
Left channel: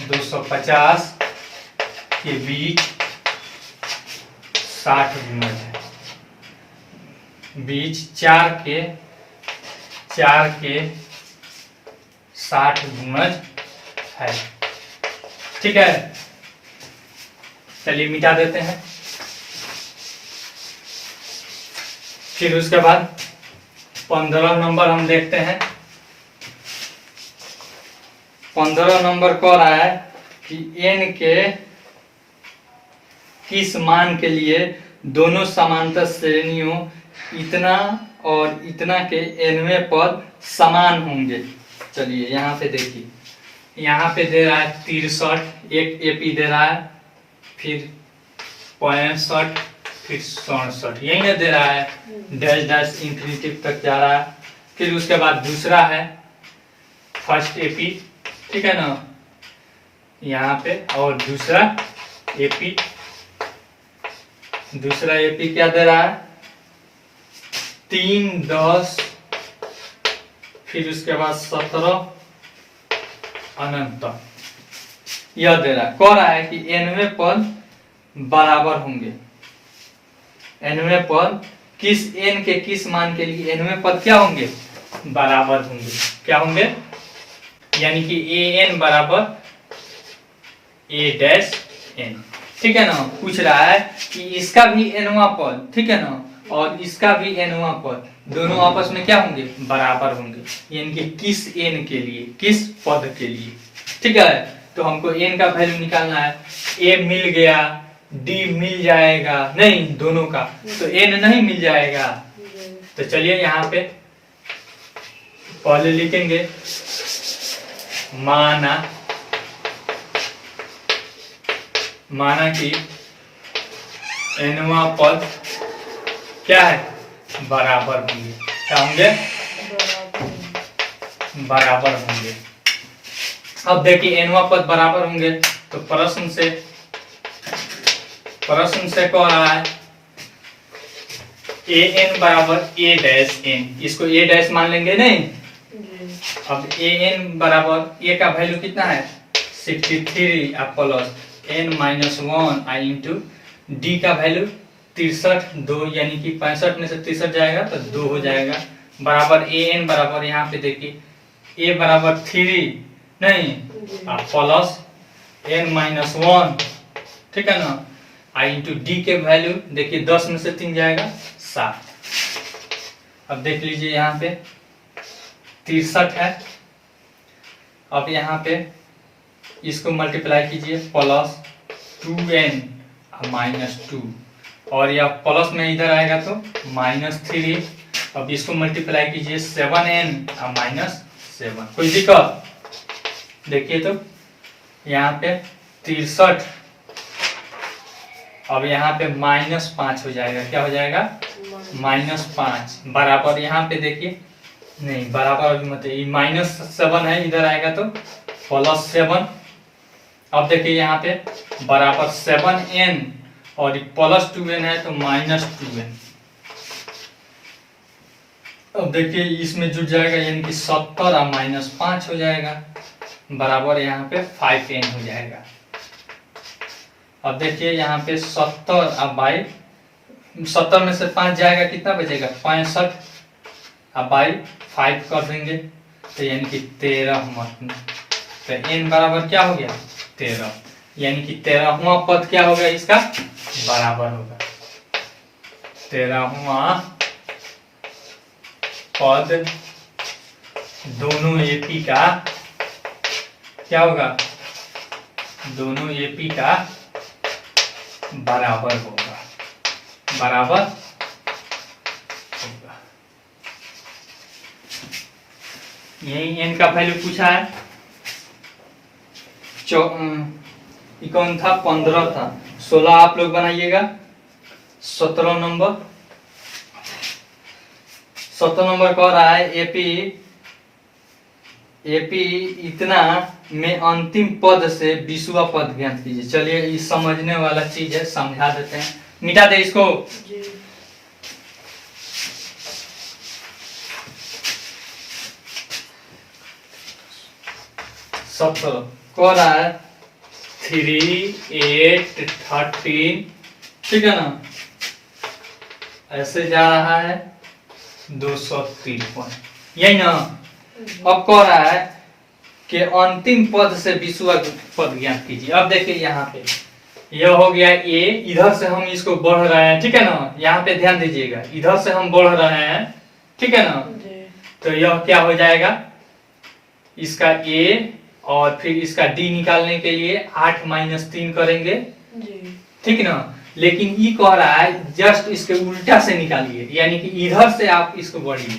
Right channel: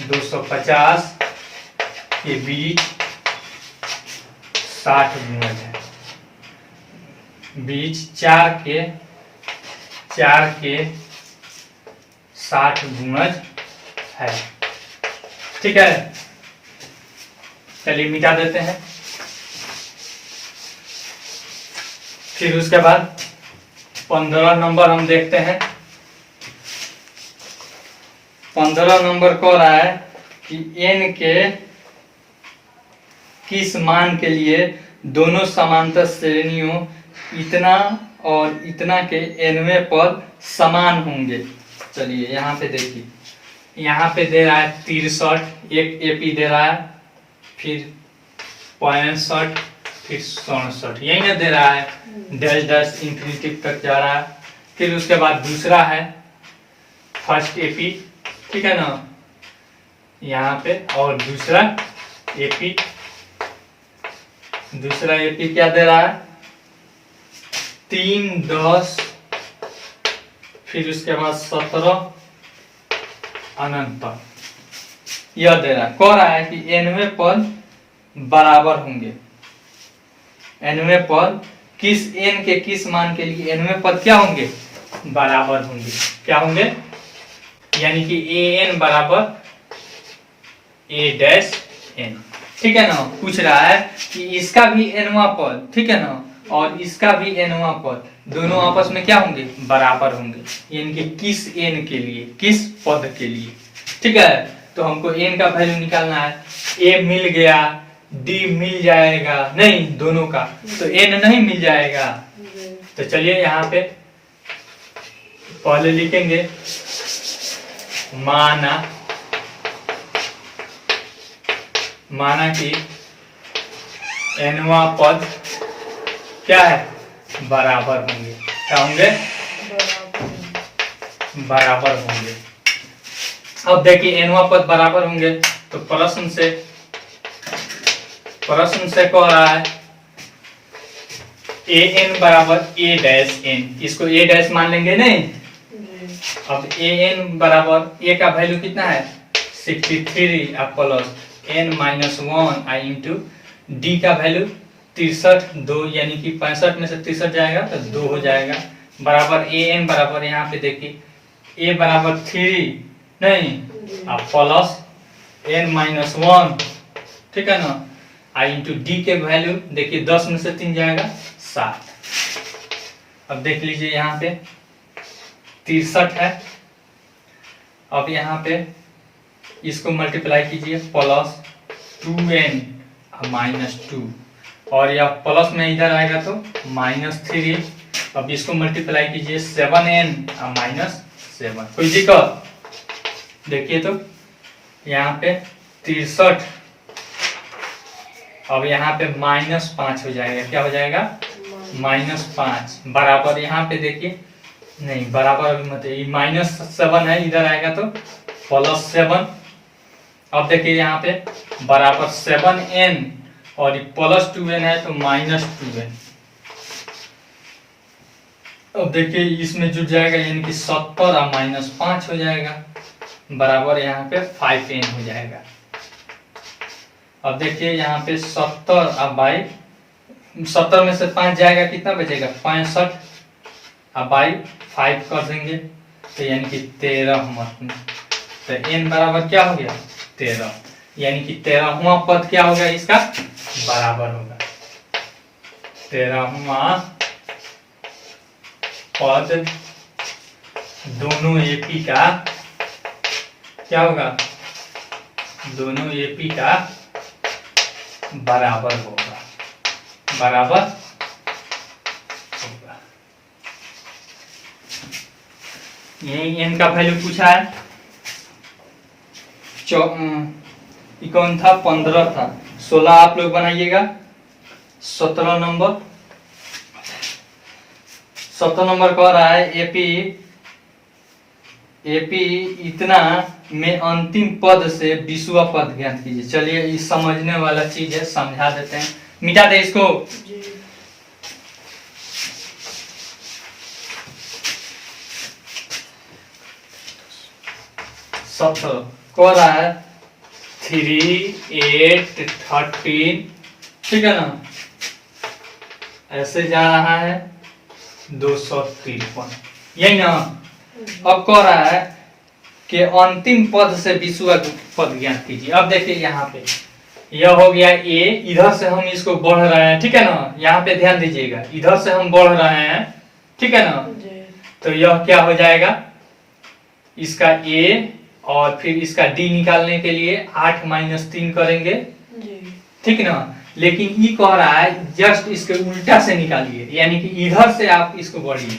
250 के बीच 60 गुणज है। बीच 4 4 के 60 गुणज है। ठीक है, चलिए मिटा देते हैं। फिर उसके बाद 15 नंबर हम देखते हैं। 15 नंबर कह रहा है कि n के किस मान के लिए दोनों समांतर श्रेणियों इतना और इतना के nवें पद समान होंगे। चलिए यहाँ पे देखिए, यहाँ पे दे रहा है 63, एक एपी दे रहा है, फिर 65, फिर 67, यही ना दे रहा है, डैश डैश इंफिनिटी तक जा रहा है। फिर उसके बाद दूसरा है फर्स्ट एपी, ठीक है ना, यहाँ पे, और दूसरा एपी क्या दे रहा है 3, 10, फिर उसके बाद 17 अनंत, यह दे रहा है। कह रहा है कि nवें पद बराबर होंगे। nवें पद किस n के किस मान के लिए nवें पद क्या होंगे, बराबर होंगे। क्या होंगे, यानी कि an बराबर a डैश n। ठीक है ना, पूछ रहा है कि इसका भी nवां पद, ठीक है ना, और इसका भी nवां पद, दोनों आपस में क्या होंगे, बराबर होंगे। यानी कि किस n के लिए, किस पद के लिए। ठीक है, तो हमको n का वैल्यू निकालना है। a मिल गया, d मिल जाएगा, नहीं दोनों का, तो n नहीं मिल जाएगा। तो चलिए यहाँ पे पहले लिखेंगे माना कि nवां पद क्या है, बराबर होंगे। क्या होंगे, बराबर होंगे। अब देखिए nवां पद बराबर होंगे, तो प्रश्न से कह रहा है an बराबर a डैश n, इसको a डैश मान लेंगे नहीं। अब an बराबर a का वैल्यू कितना है 63 अब प्लस n माइनस 1 आई इंटू d का वैल्यू 63, 2 यानी कि 65 में से 63 जाएगा तो 2 हो जाएगा, बराबर an बराबर यहाँ पे देखिए a बराबर 3 नहीं, अब प्लस n माइनस 1, ठीक है ना, आई इंटू डी के वैल्यू देखिए 10 में से 3 जाएगा 7। अब देख लीजिए यहाँ पे 63 है। अब यहाँ पे इसको मल्टीप्लाई कीजिए, प्लस 2n माइनस 2, और यह प्लस में इधर आएगा तो माइनस 3। अब इसको मल्टीप्लाई कीजिए 7n माइनस 7। कोई दिक्कत, देखिए तो यहाँ पे 63, अब यहाँ पे माइनस 5 हो जाएगा। क्या हो जाएगा, माइनस 5, बराबर यहाँ पे देखिए, नहीं बराबर मत, ये माइनस 7 है, इधर आएगा तो प्लस 7। अब देखिए यहाँ पे बराबर 7n और प्लस 2n है तो माइनस 2n। अब देखिए इसमें जुड़ जाएगा, यानी कि 70 और माइनस 5 हो जाएगा, बराबर यहाँ पे 5n हो जाएगा। अब देखिए यहाँ पे 70 अब बाई 70 में से 5 जाएगा, कितना बचेगा 65, अब बाई 5 कर देंगे तो यानी कि 13 मत, तो n बराबर क्या हो गया 13, यानी कि 13वां पद क्या होगा, इसका बराबर होगा। 13वां पद दोनों एपी का क्या होगा, दोनों एपी का बराबर होगा, बराबर होगा। यही n का वैल्यू पूछा है। कौन था 15 था, 16 आप लोग बनाइएगा। 17 नंबर कह रहा है एपी इतना में अंतिम पद से 20वां पद ज्ञात कीजिए। चलिए इस समझने वाला चीज है, समझा देते हैं, मिटा दे इसको। सत्रह कह रहा है 3, 8, 13, ठीक है ना, ऐसे जा रहा है 253, यही ना। अब कह रहा है कि अंतिम पद से 20वां पद ज्ञात कीजिए। अब देखिए यहाँ पे यह हो गया ए, इधर से हम इसको बढ़ रहे हैं, ठीक है ना। यहाँ पे ध्यान दीजिएगा, इधर से हम बढ़ रहे हैं, ठीक है ना। तो यह क्या हो जाएगा, इसका ए और फिर इसका डी निकालने के लिए 8 - 3 करेंगे, ठीक ना। लेकिन ये कह रहा है जस्ट इसके उल्टा से निकालिए, यानी कि इधर से आप इसको बढ़िए।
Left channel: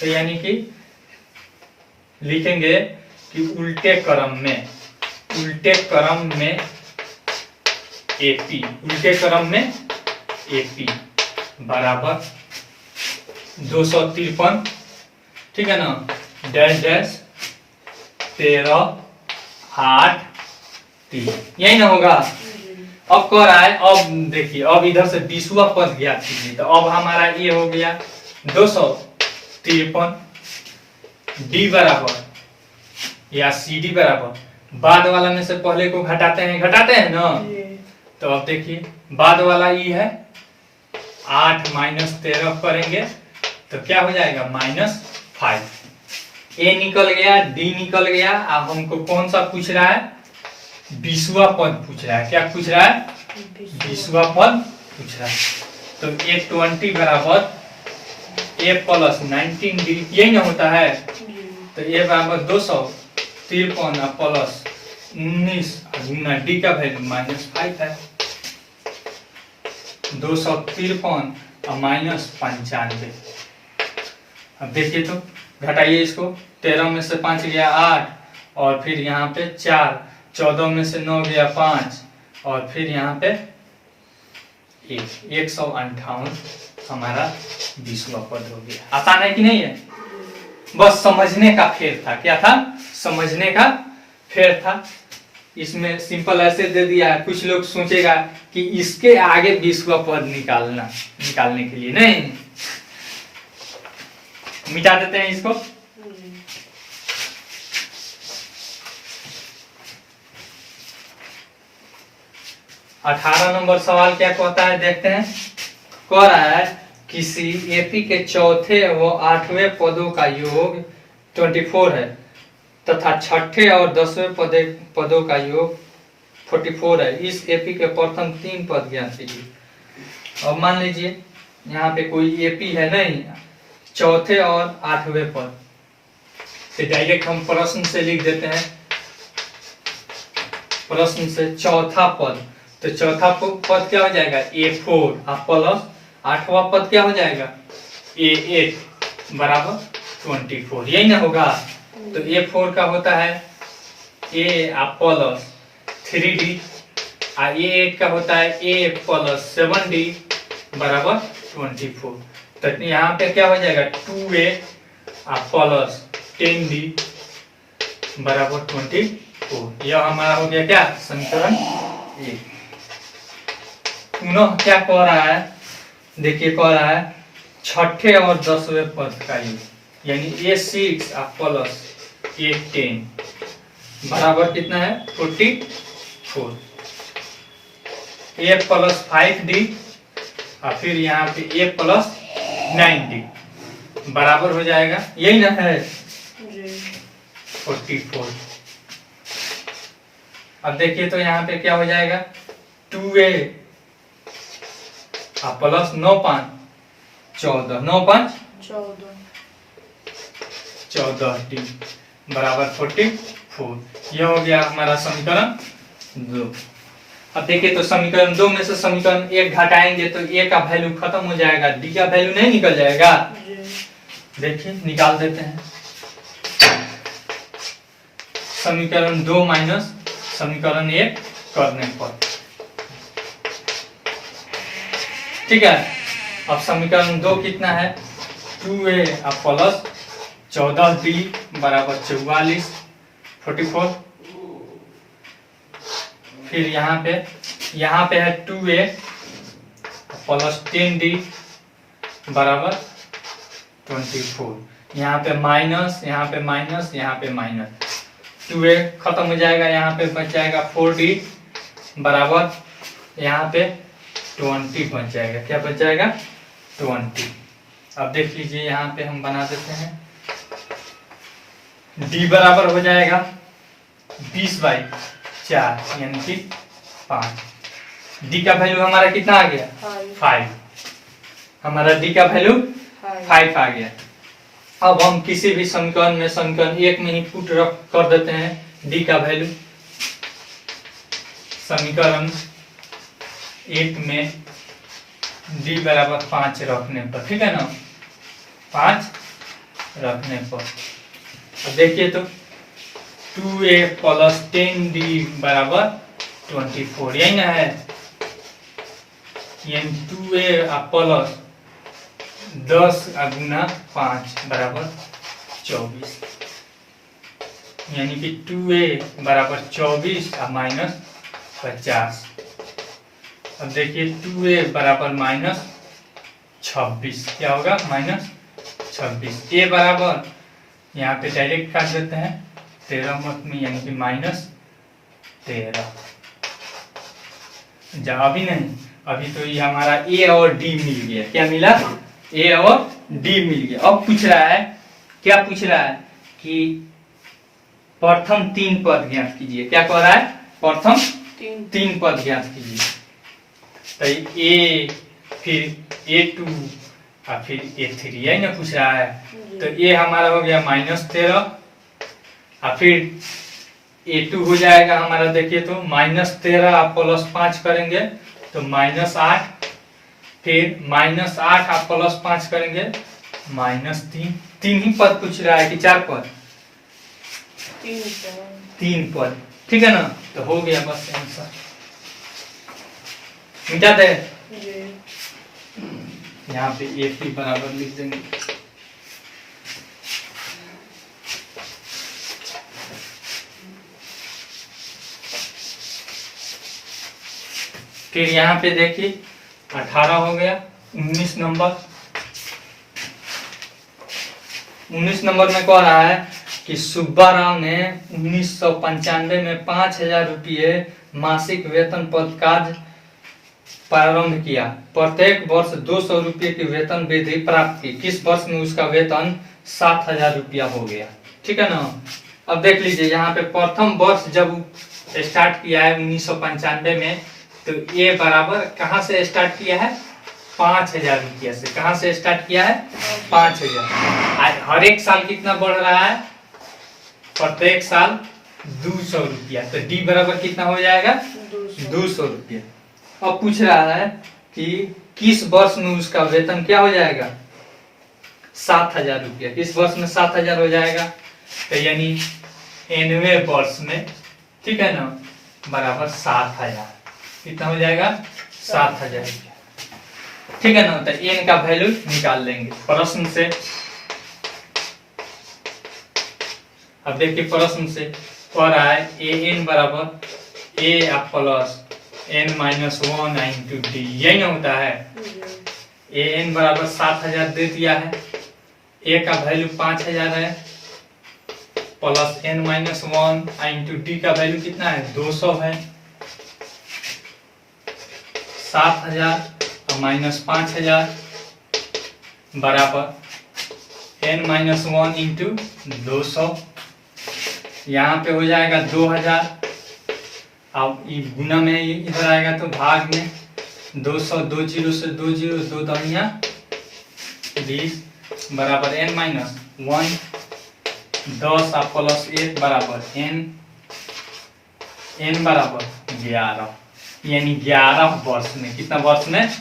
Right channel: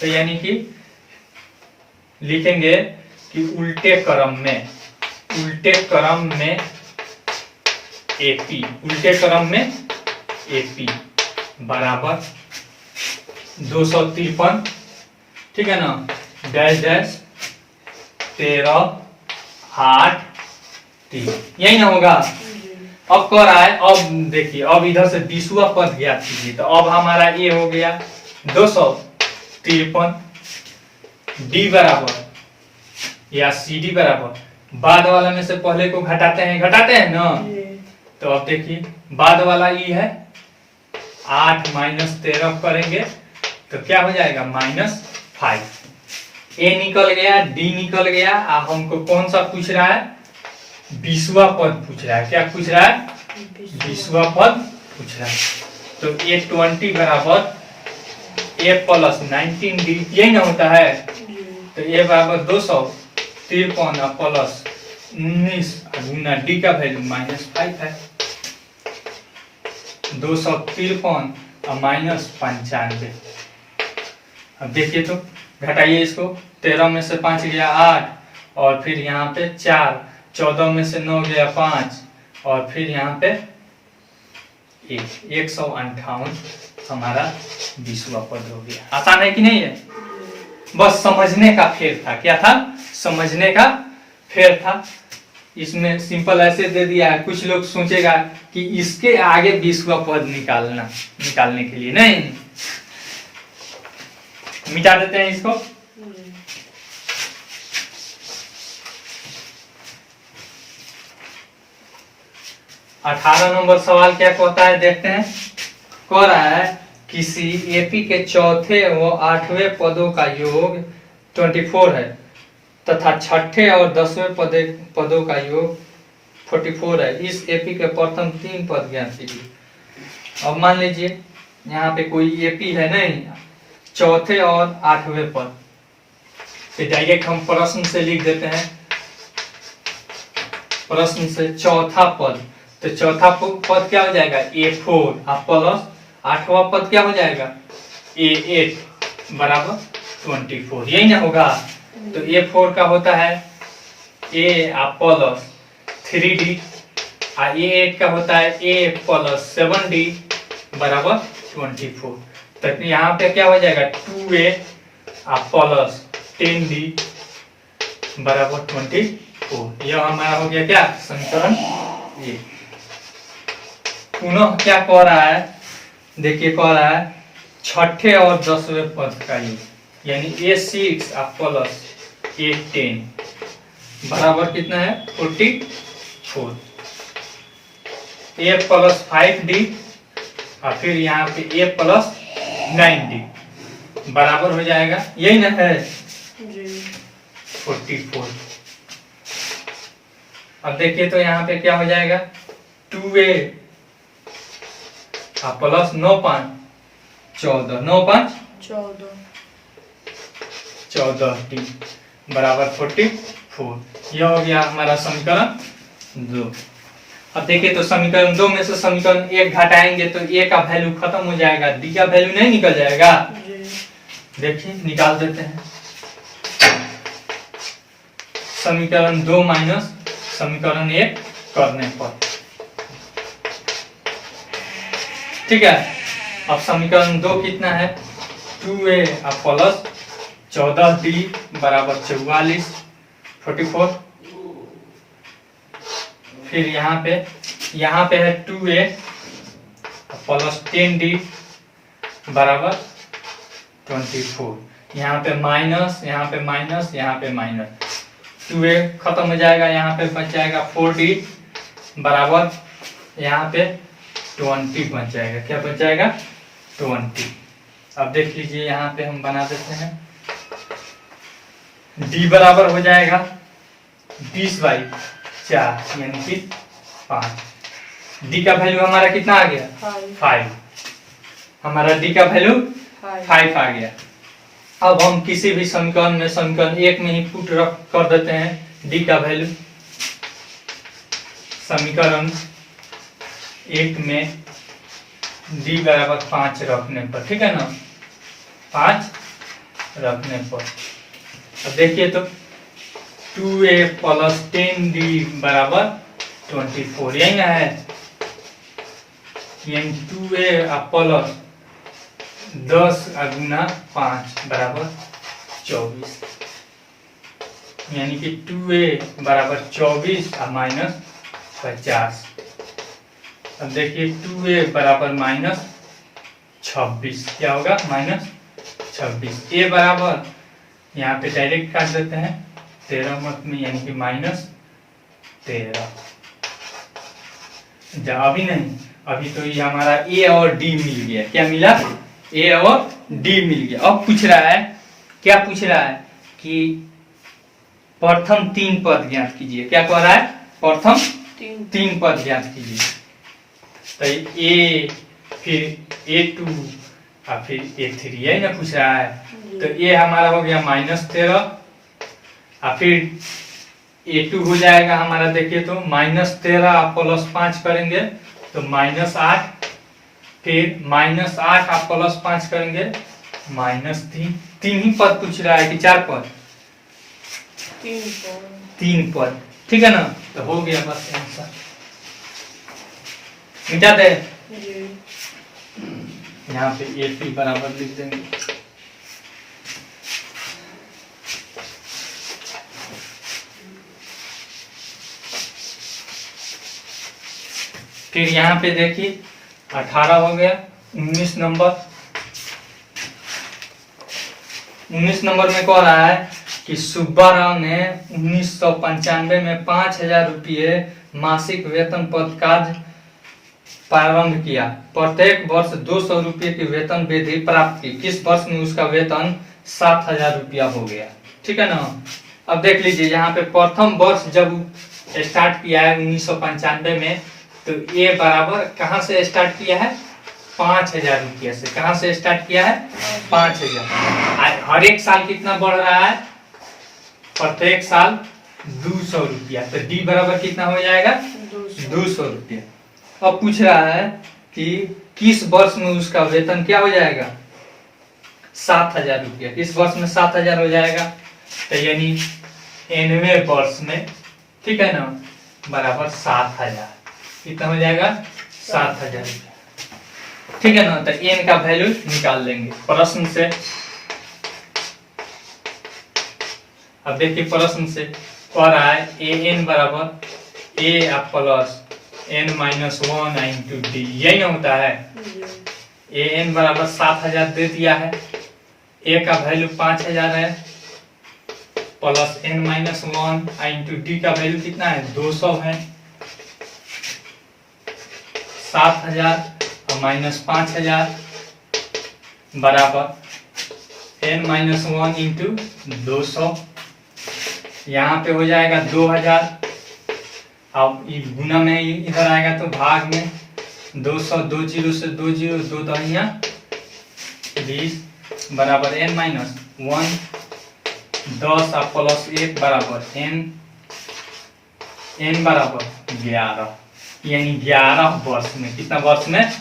तो यानी कि लिखेंगे कि उल्टे क्रम में एपी, उल्टे क्रम में एपी बराबर 253, ठीक है ना, डैश डैश 13 8 3, यही ना होगा। अब कह रहा है, अब देखिए, अब इधर से 20वां पद ज्ञात कीजिए। तो अब हमारा ये हो गया 253, डी बराबर या सी डी बराबर, बाद वाला में से पहले को घटाते हैं ना। तो अब देखिए बाद वाला ये है 8 - 13 करेंगे तो क्या हो जाएगा -5। ए निकल गया, डी निकल गया। अब हमको कौन सा पूछ रहा है, 20वां पद पूछ रहा है। क्या पूछ रहा है, 20वां पद पूछ रहा है। तो A20 बराबर A + 19D, यही ना होता है। तो A बराबर 253 प्लस 19 गुना डी का वैल्यू -5 है। 253 और -95। अब देखिए तो घटाइए इसको, 13 में से 5 गया 8 और फिर यहाँ पे 4, 14 में से 9 गया 5 और फिर यहाँ पे 158 हमारा 20वां पद हो गया। आसान है कि नहीं है, बस समझने का फेर था। क्या था, समझने का फेर था। इसमें सिंपल ऐसे दे दिया है, कुछ लोग सोचेगा कि इसके आगे 20वां पद निकालने के लिए नहीं, मिटा देते हैं इसको। अठारह नंबर सवाल क्या कहता है, देखते हैं। कह रहा है किसी एपी के चौथे व 8वें पदों का योग 24 है तथा छठे और 10वें पदों का योग 44 है। इस एपी के प्रथम 3 पद ज्ञात कीजिए। अब मान लीजिए यहाँ पे कोई एपी है नहीं, चौथे और 8वें पद, तो डायरेक्ट हम प्रश्न से लिख देते हैं। प्रश्न से चौथा पद, तो चौथा पद क्या हो जाएगा, A4 प्लस 8वां पद क्या हो जाएगा, A8 बराबर 24, यही ना होगा। तो A4 का होता है A प्लस 3D और A8 का होता है A प्लस 7D बराबर 24। तो यहाँ पे क्या हो जाएगा 2A प्लस 10D बराबर 24। यह हमारा हो गया क्या, समीकरण ए। पुनः क्या कह रहा है, देखिए कह रहा है छठे और 10वें पद का योग, यानी A6 प्लस A10 बराबर कितना है 44। A प्लस 5D और फिर यहाँ पे A प्लस 9D बराबर हो जाएगा, यही ना है 44। अब देखिए तो यहाँ पे क्या हो जाएगा 2A प्लस 9 5 14, 9 5 14D बराबर 44। यह हो गया हमारा समीकरण 2। अब देखिए तो समीकरण 2 में से समीकरण 1 घटाएंगे तो A का वैल्यू खत्म हो जाएगा, D का वैल्यू नहीं निकल जाएगा। देखिए निकाल देते हैं। समीकरण 2 माइनस समीकरण 1 करने पर, ठीक है। अब समीकरण 2 कितना है 2A प्लस 14D बराबर 44 44। फिर यहाँ पे है 2A प्लस 10D बराबर 24। यहाँ पे माइनस, यहाँ पे माइनस, यहाँ पे माइनस, 2A खत्म हो जाएगा, यहाँ पे बच जाएगा 4D बराबर यहाँ पे 20 बच जाएगा। क्या बच जाएगा 20। अब देख लीजिए यहाँ पे हम बना देते हैं डी बराबर हो जाएगा 20/4 यानी कि 5। डी का वैल्यू हमारा कितना आ गया? 5। हमारा डी का वैल्यू 5 आ गया। अब हम किसी भी समीकरण में समीकरण 1 में ही पुट रख कर देते हैं डी का वैल्यू। समीकरण 1 में डी बराबर 5 रखने पर, ठीक है ना, 5 रखने पर अब देखिए तो 2a प्लस 10d बराबर 24, यही ना है, यानी 2a प्लस 10 गुना 5 बराबर 24, यानी कि 2a बराबर 24 और माइनस 50। अब देखिए 2a बराबर माइनस 26, क्या होगा? माइनस 26। a बराबर यहाँ पे डायरेक्ट काट देते हैं 13 मत में, यानी कि माइनस 13। अभी नहीं, अभी तो ये हमारा a और d मिल गया। क्या मिला? a और d मिल गया। अब पूछ रहा है, क्या पूछ रहा है कि प्रथम 3 पद ज्ञात कीजिए। क्या कह रहा है? प्रथम 3 पद ज्ञात कीजिए। तो a फिर a2 और फिर a3, यही ना पूछ रहा है। तो a हमारा हो गया -13 और फिर a2 हो जाएगा हमारा, देखिए तो -13 आप +5 करेंगे तो -8, फिर -8 आप +5 करेंगे -3। 3 ही पद पूछ रहा है कि 4 पद? 3 पद, ठीक है ना। तो हो गया बस आंसर, मिटा दे। यहाँ पे a3 बराबर लिख देंगे। फिर यहाँ पे देखिए 18 हो गया। 19 नंबर, 19 नंबर में कह रहा है कि सुब्बा राव ने 1995 में 5,000 रुपये मासिक वेतन पद कार्य प्रारंभ किया। प्रत्येक वर्ष 200 रुपये की वेतन वृद्धि प्राप्त की। किस वर्ष में उसका वेतन 7,000 रुपया हो गया? ठीक है ना। अब देख लीजिए यहाँ पे प्रथम वर्ष जब स्टार्ट किया है 1995 में, तो ये बराबर कहाँ से स्टार्ट किया है? 5,000 रुपया से। कहाँ से स्टार्ट किया है? 5,000। हर एक साल कितना बढ़ रहा है? प्रत्येक साल 200 रुपया। तो डी बराबर कितना हो जाएगा? 200 रुपया। अब पूछ रहा है कि किस वर्ष में उसका वेतन क्या हो जाएगा? 7,000 रुपया। किस वर्ष में 7,000 हो जाएगा? तो यानी 9वें वर्ष में, ठीक है ना, बराबर 7,000। कितना हो जाएगा? 7,000 रुपया, ठीक है ना। तो एन का वैल्यू निकाल लेंगे प्रश्न से। अब देखिए प्रश्न से कह रहा है ए एन बराबर A plus n minus 1 into D, यही ना होता है। ए एन बराबर 7,000 दे दिया है, ए का वैल्यू 5,000 है, plus n minus 1 into d का वैल्यू कितना है? 200 है। 7,000 और माइनस 5,000 बराबर n माइनस 1 इंटू 200। यहाँ पे हो जाएगा 2,000। अब गुना में इधर आएगा तो भाग में 200, 2 जीरो से 2 जीरो, 2 दहिया 20 बराबर n माइनस 1, 10 और प्लस 1 बराबर n बराबर 11, यानी 11 वर्ष में। कितना वर्ष में?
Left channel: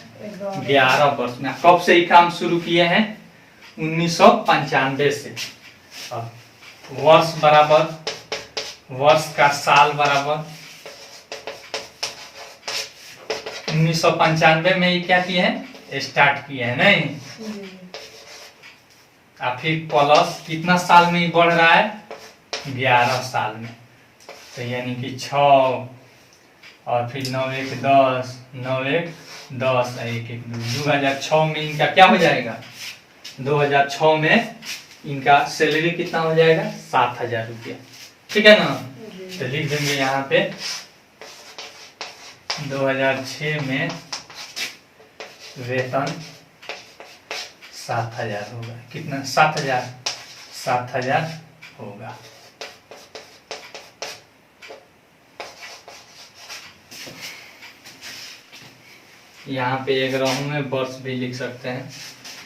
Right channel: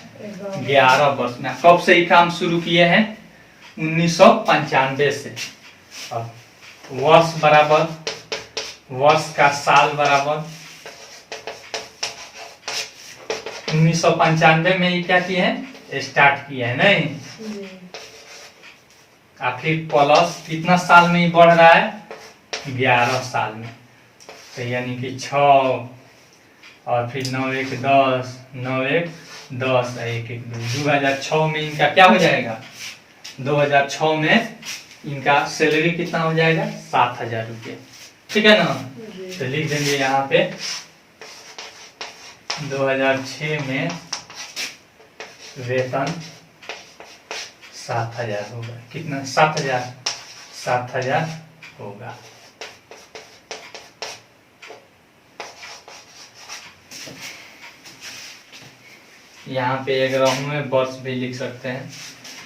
11 वर्ष में। कब से ये काम शुरू किए हैं? 1995 से। अब वर्ष बराबर, वर्ष का साल बराबर 1995 में ये क्या किए हैं? स्टार्ट किए हैं, नहीं? और फिर प्लस कितना साल में बढ़ रहा है? 11 साल में। तो यानी कि 6 और फिर 9 1 10, 9 1 10 1 1 2, 2006 में इनका क्या हो जाएगा? 2006 में इनका सैलरी कितना हो जाएगा? 7,000 रुपया, ठीक है ना। तो लिख देंगे यहाँ पे 2006 में वेतन 7,000 होगा। कितना? 7,000 होगा। यहाँ पे एक रहू में वर्ष भी लिख सकते हैं।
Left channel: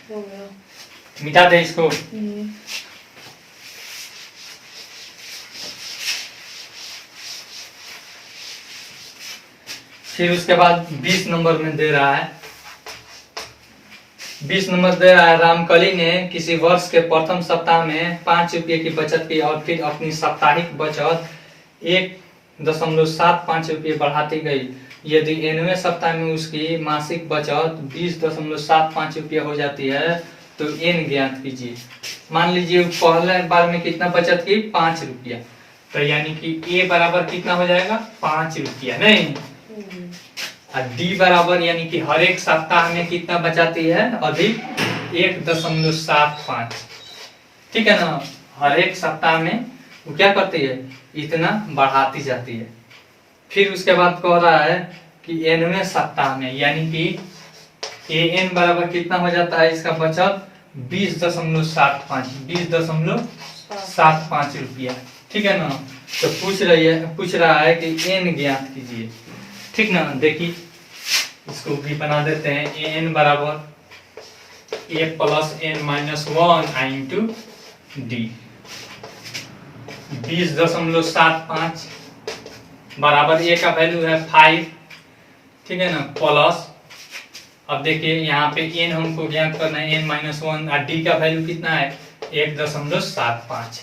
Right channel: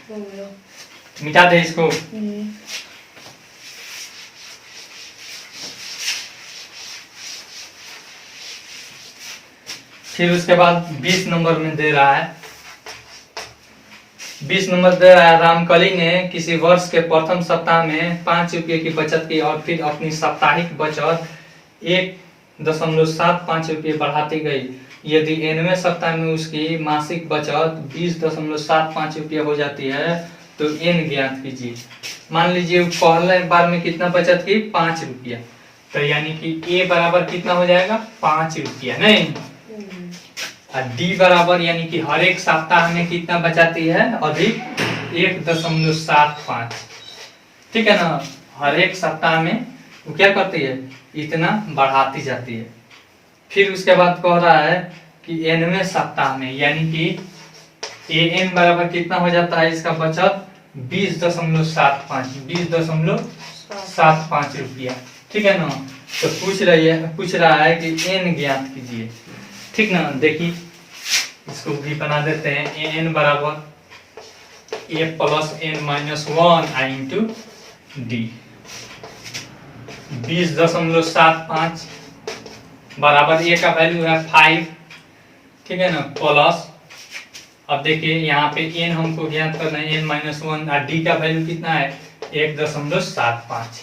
हो गया। मिटा दे इसको। फिर उसके बाद 20 नंबर में दे रहा है, 20 नंबर दे रहा है, रामकली ने किसी वर्ष के प्रथम सप्ताह में 5 रुपये की बचत की और फिर अपनी साप्ताहिक बचत 1.75 रुपये बढ़ाती गई। यदि 9वें सप्ताह में उसकी मासिक बचत 20.75 रुपये हो जाती है तो एन ज्ञात कीजिए। मान लीजिए पहले बार में कितना बचत की, 5 रुपया, तो यानी कि ए बराबर कितना हो जाएगा, 5 रुपया, नहीं। और डी बराबर यानी कि हर एक सप्ताह में कितना बचाती है, अधिक 1.75, ठीक है ना। हर एक सप्ताह में वो क्या करती है, इतना बढ़ाती जाती है। फिर उसके बाद कह रहा है कि 9वें सप्ताह में यानी कि एन बराबर कितना हो जाता है इसका बचत 20.75 रुपया, ठीक है ना। तो पूछ रहा है कि एन ज्ञात कीजिए, ठीक ना। देखिए इसको भी बना देते हैं। एन बराबर A plus N minus 1 I into D. 20.75 बराबर ए का वैल्यू है 5, ठीक है ना, प्लस अब देखिए यहाँ पे एन हमको ज्ञात करना है, एन माइनस 1, और डी का वैल्यू कितना है 1.75।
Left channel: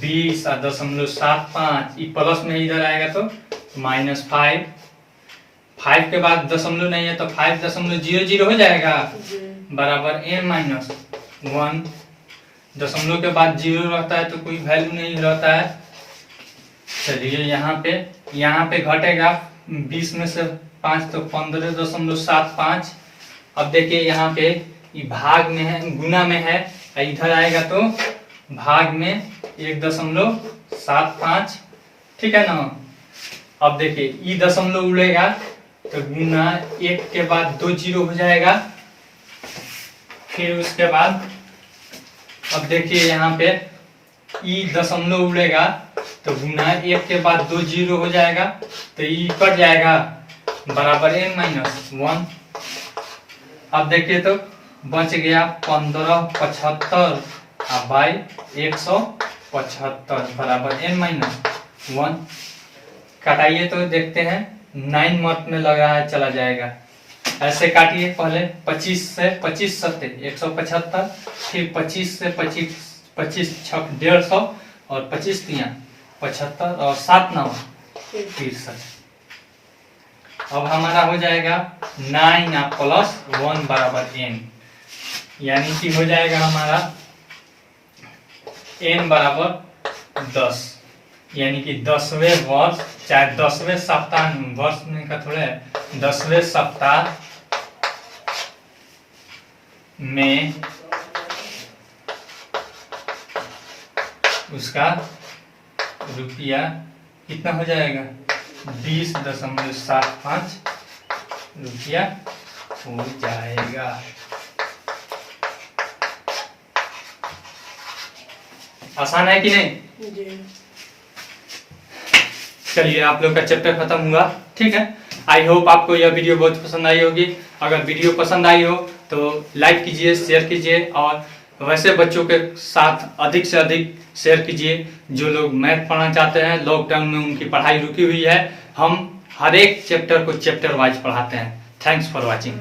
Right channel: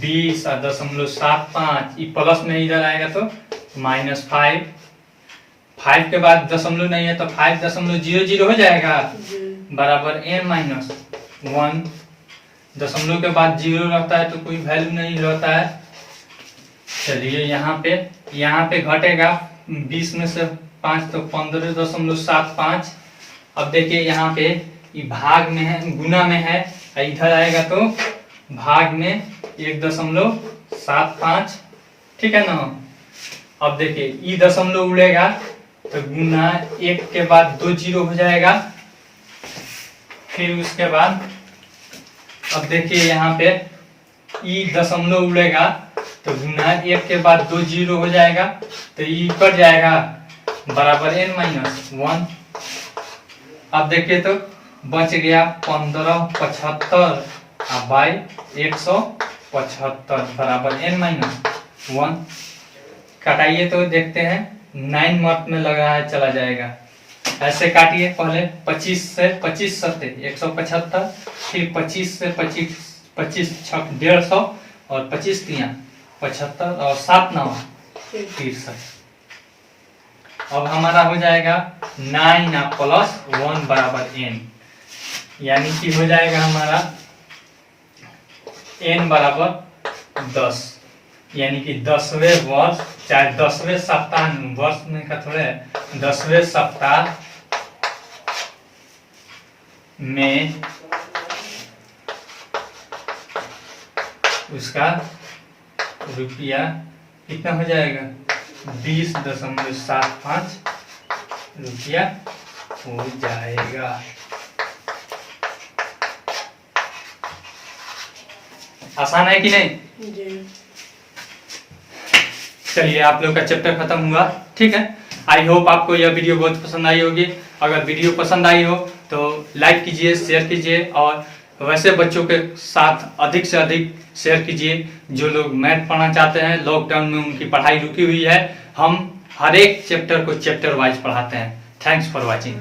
20.75 प्लस में इधर आएगा तो -5, 5 के बाद दशमलव नहीं है तो 5.00 हो जाएगा, बराबर एन माइनस 1। दशमलव के बाद 0 रहता है तो कोई वैल्यू नहीं रहता है। चलिए यहाँ पे घटेगा 20 में से 5 तो 15.75। अब देखिए यहाँ पे भाग में है, गुना में है, इधर आएगा तो भाग में 1.75, ठीक है ना। अब देखिए ई दशमलव उड़ेगा तो गुना 1 के बाद 2 0 हो जाएगा। फिर उसके बाद अब देखिए यहाँ पे ई दशमलव उड़ेगा तो गुना 1 के बाद 2 0 हो जाएगा तो ई कट जाएगा, बराबर एन माइनस 1। अब देखिए तो बच गया 1575 बाई 175 बराबर एन माइनस 1। काटाइए तो देखते हैं 9 मत में लगा है, चला जाएगा। ऐसे काटिए, पहले 25 से 25 सत्ते 175, फिर 25 से 25 छक 150 और 25 तिया 75 और 7 9 63। अब हमारा हो जाएगा 9 प्लस 1 बराबर n, यानी कि हो जाएगा हमारा n बराबर 10, यानी कि 10वें वर्ष, चाहे 10वें सप्ताह, वर्ष में का थोड़े 10वें सप्ताह में उसका रुपया कितना हो जाएगा 20.75 रुपया हो जाएगा। आसान है कि नहीं जी। चलिए आप लोग का चैप्टर खत्म हुआ, ठीक है। आई होप आपको यह वीडियो बहुत पसंद आई होगी। अगर वीडियो पसंद आई हो तो लाइक कीजिए, शेयर कीजिए, और वैसे बच्चों के साथ अधिक से अधिक शेयर कीजिए जो लोग मैथ पढ़ना चाहते हैं। लॉकडाउन में उनकी पढ़ाई रुकी हुई है, हम हर एक चैप्टर को चैप्टर वाइज पढ़ाते हैं। Thanks for watching.